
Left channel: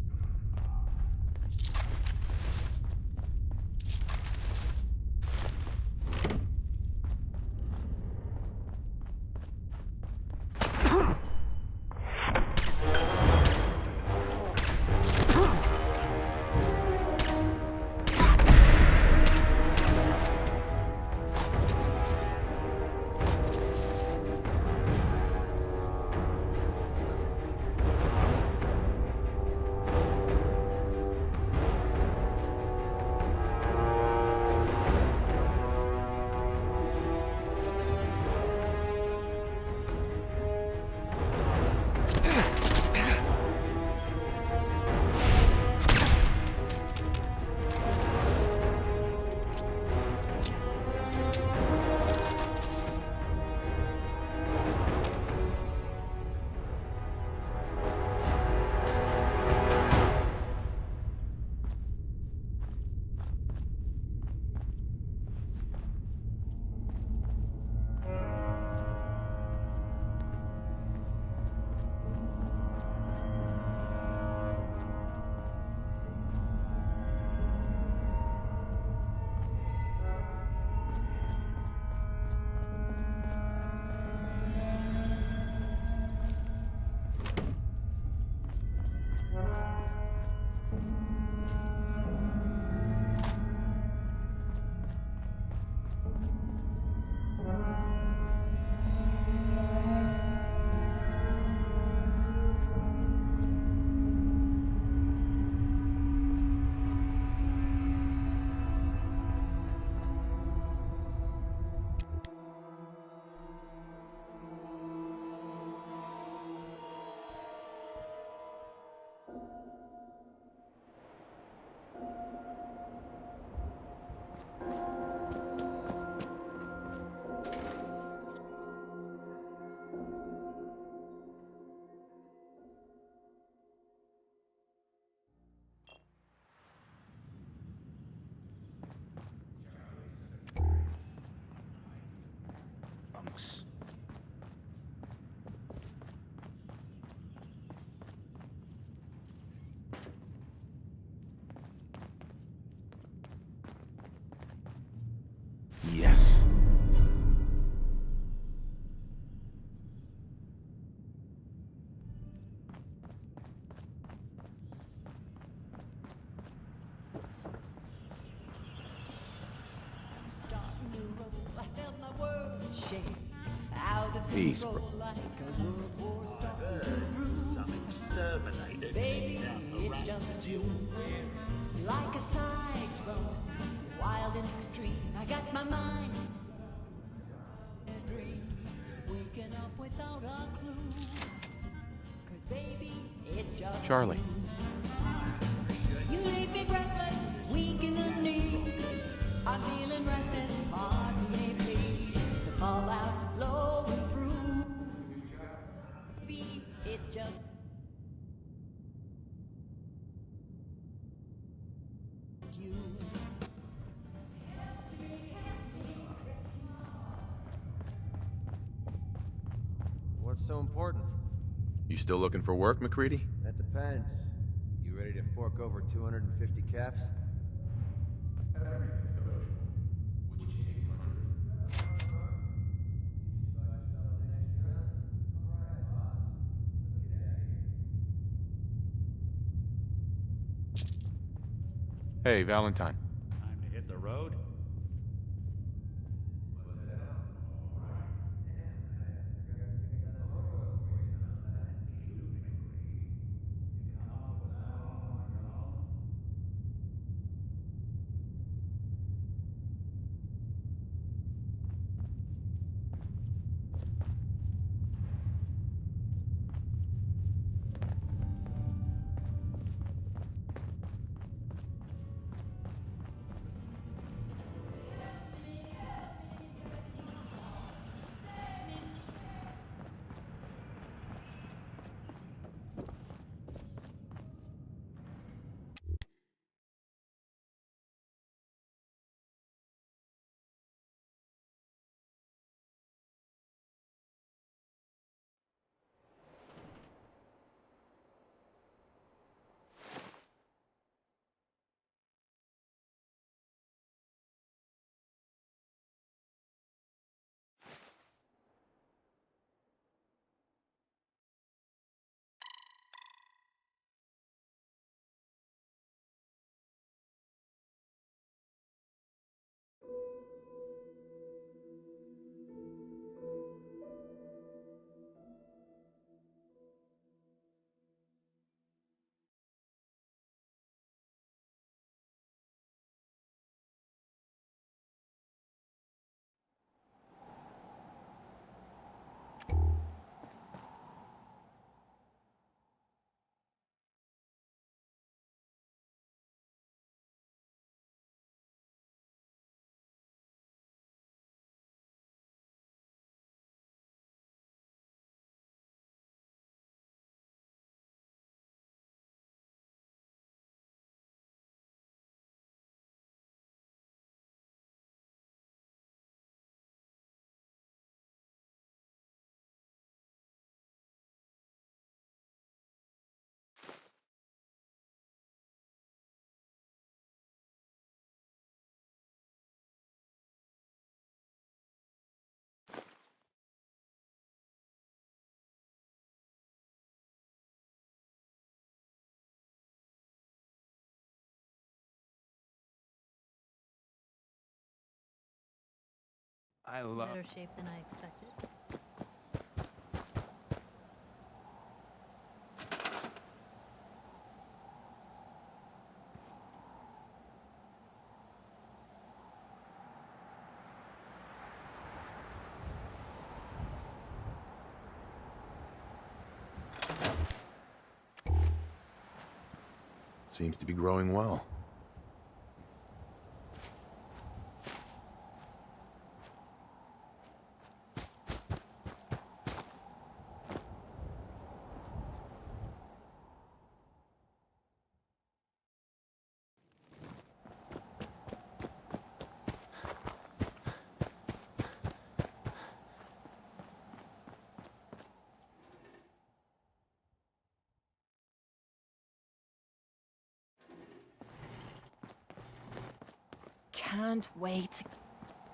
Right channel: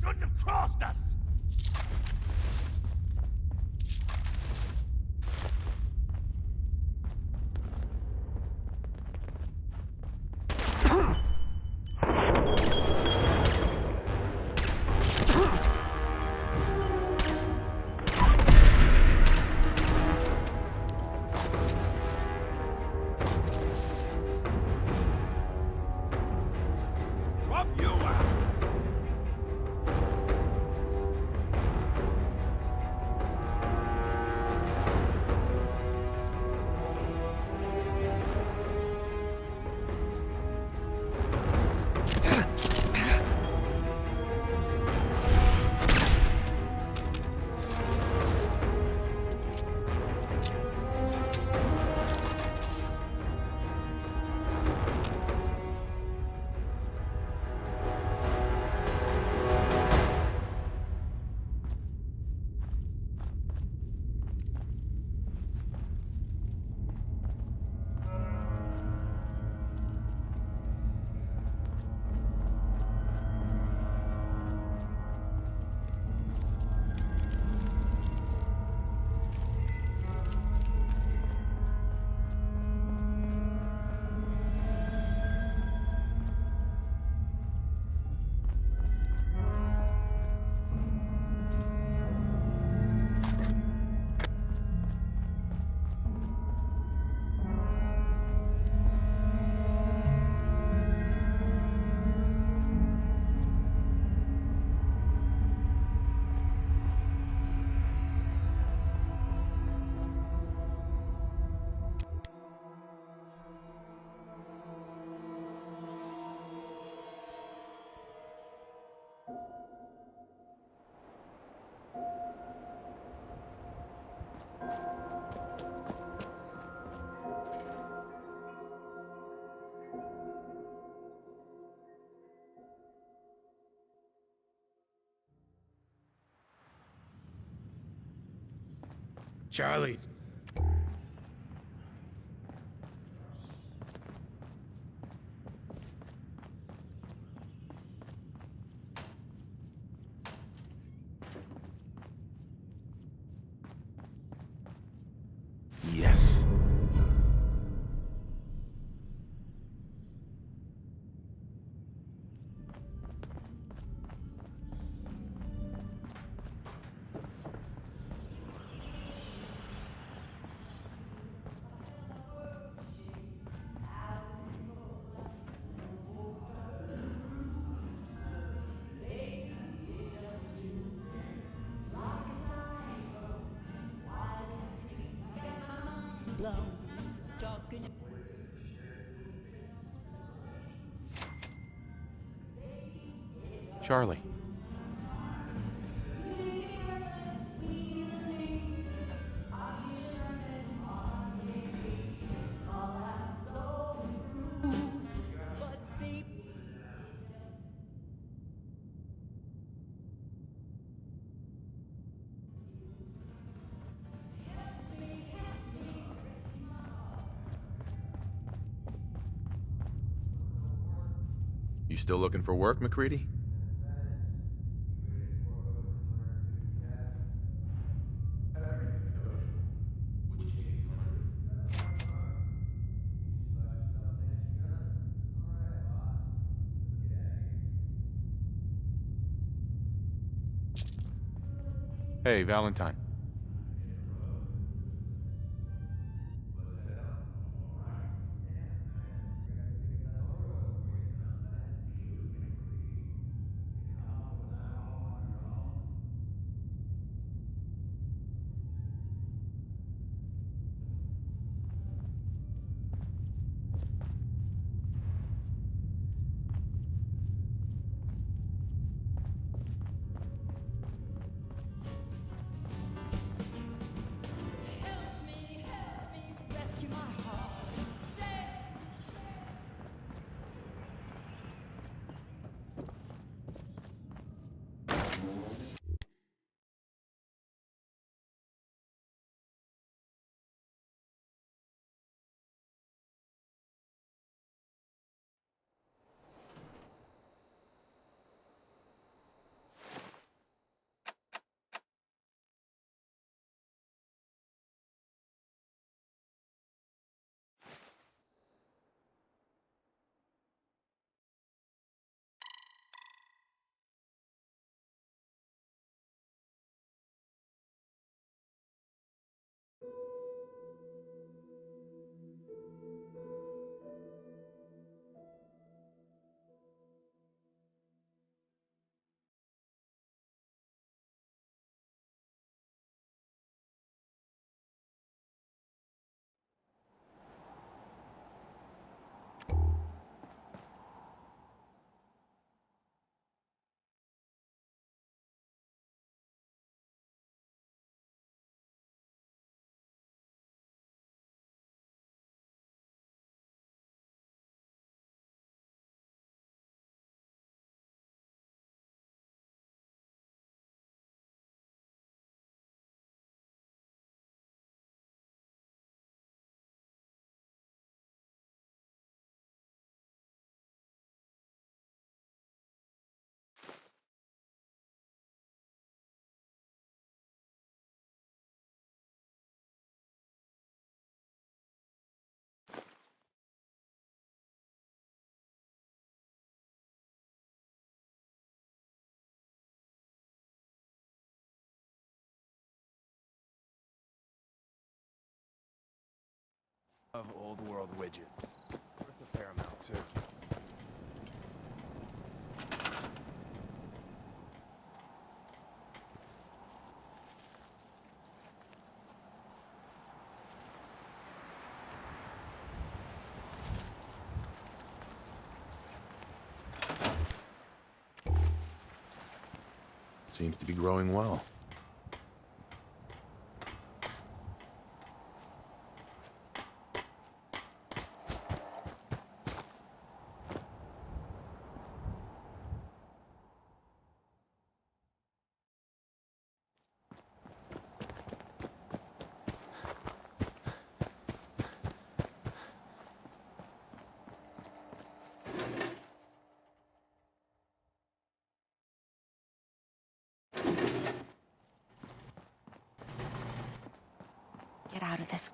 Shouldn't have crossed us! Up you out! Charlie. Bunks. Yes. Peace, bro. Some exterminator came down the It's right just you. like a cyclone, wild and extreme. I got my mind blown, stuck in a dream, waking up without a clue. 'Cause baby, it's just Charlie. you leave me breathless, weak in the knees. I'm feeling reckless, pardon me please. The fallout's flowing through, but baby, it's just. What's so important? You still looking for work, McCready? That depends. You ready to fork over 250 caps? Hey, Valentine. Time to hit the road? I love old world widgets. Worth a fair amount, too. Seems to be growing well. Can't wait to get out of this.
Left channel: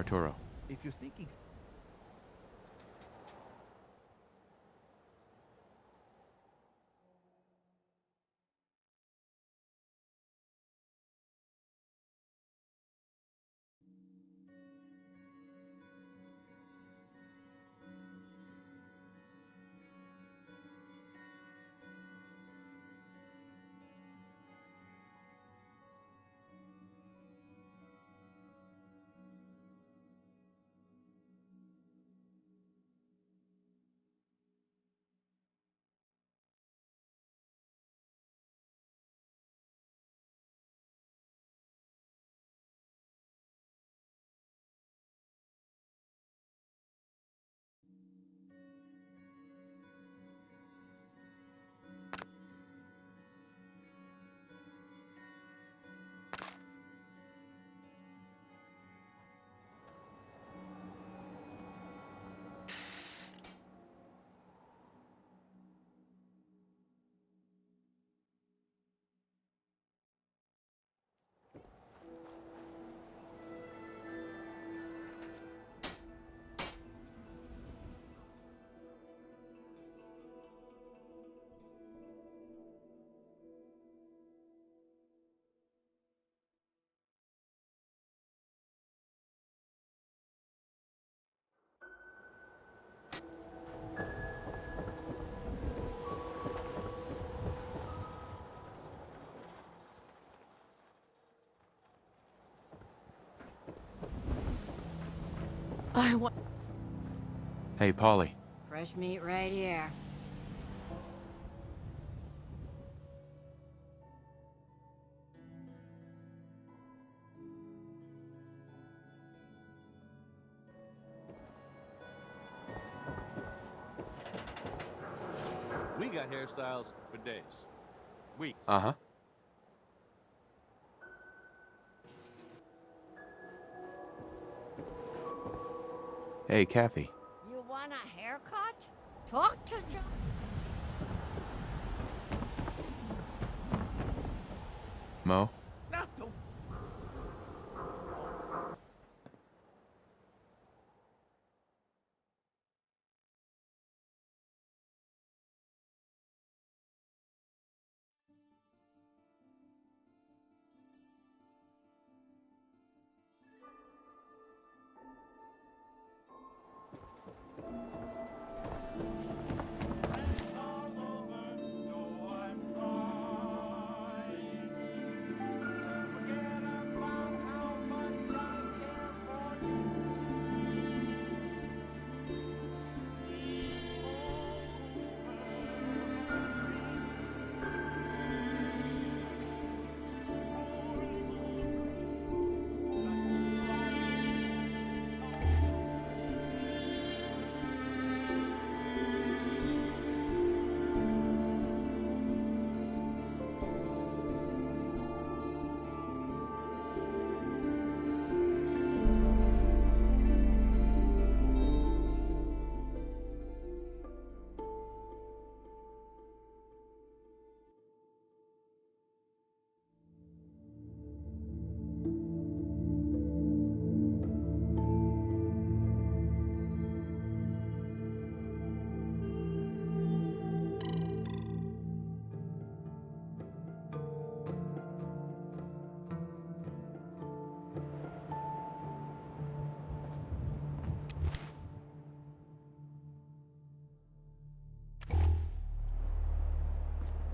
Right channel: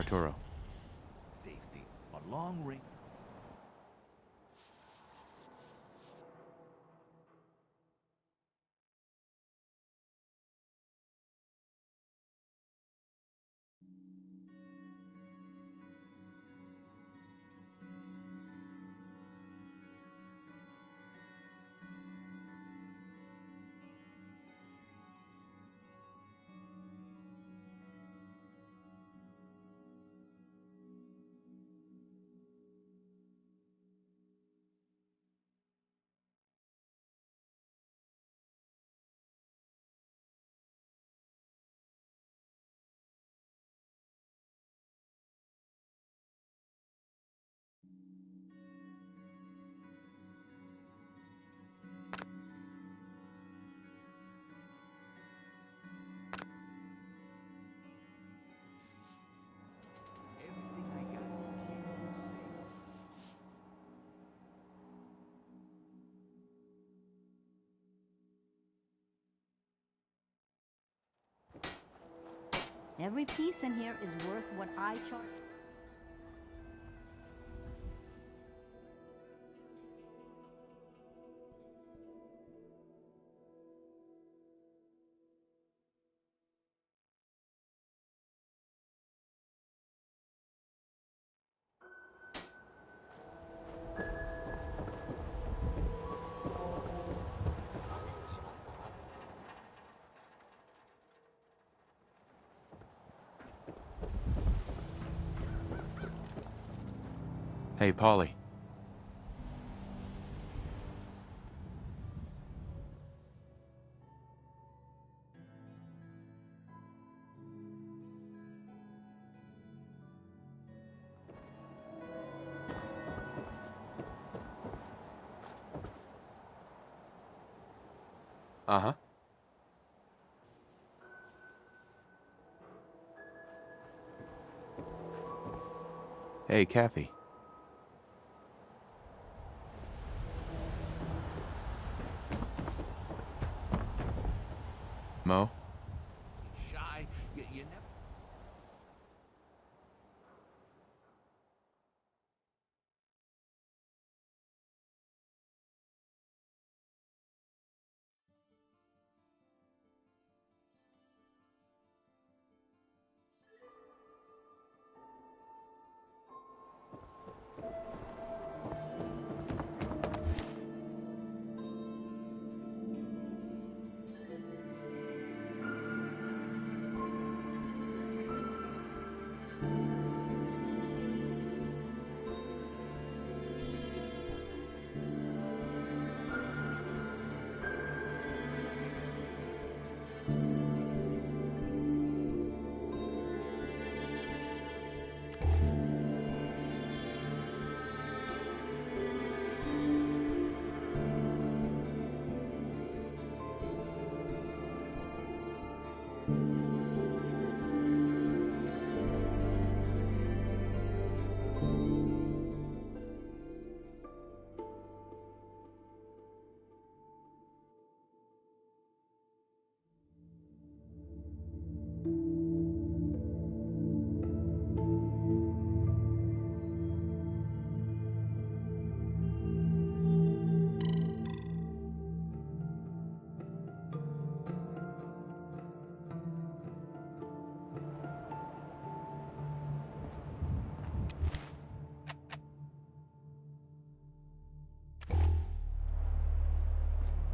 Arturo. If you're thinking safety, a long range... Every piece in here is worth what I charge. I want Hey, Polly. fresh meat right here. We got hairstyles for days. Weeks. Uh-huh. Hey, Kathy. You want a haircut? Talk to John. Mo? No, don't be shy.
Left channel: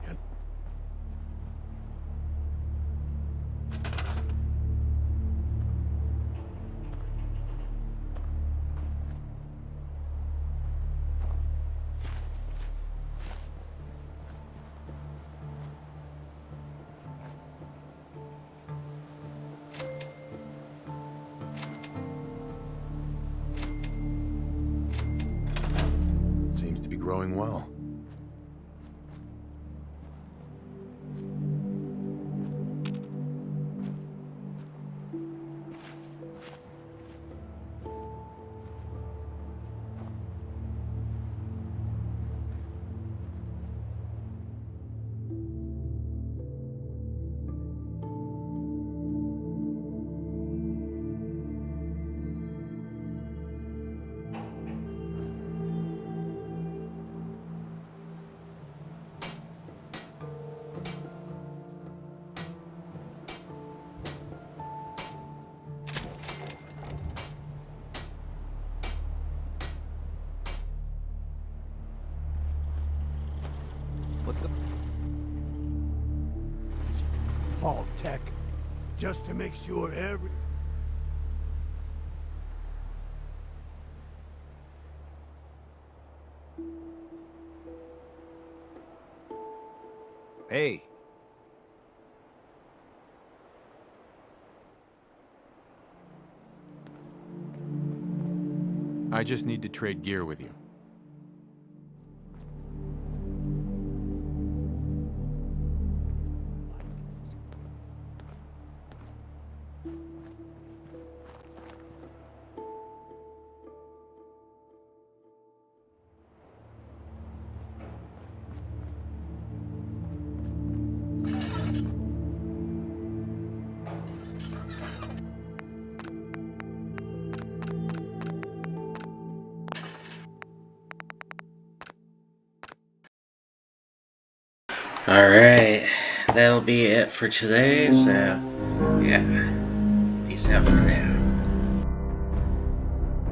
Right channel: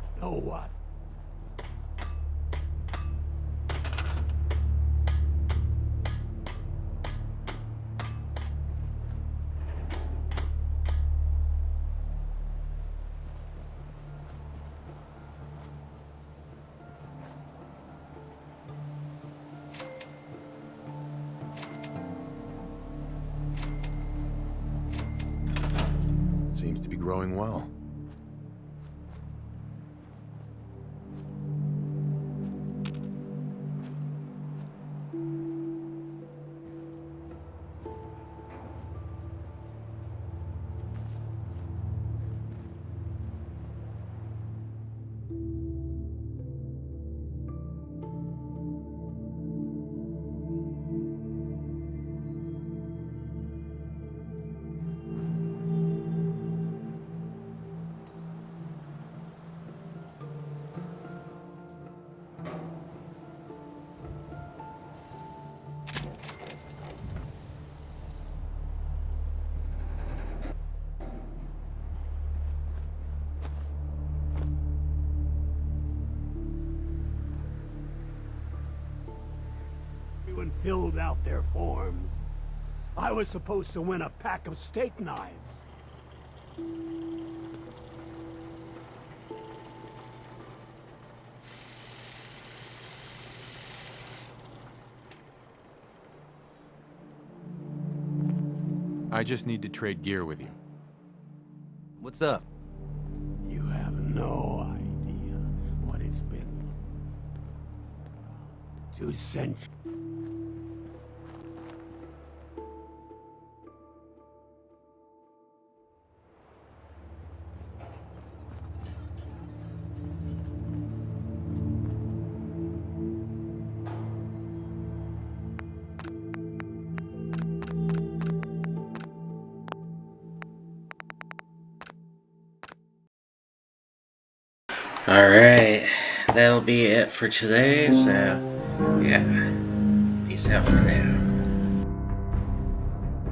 You know what? Seems to be growing well. Vault Tech, just to make sure everyone filled out their forms. I was supposed to win a pack of steak knives. Hey. I just need to trade gear with you. What's up? You have no idea what it's been like. 2 centuries. Alright, that'll be it for today, so yeah, peace out for now.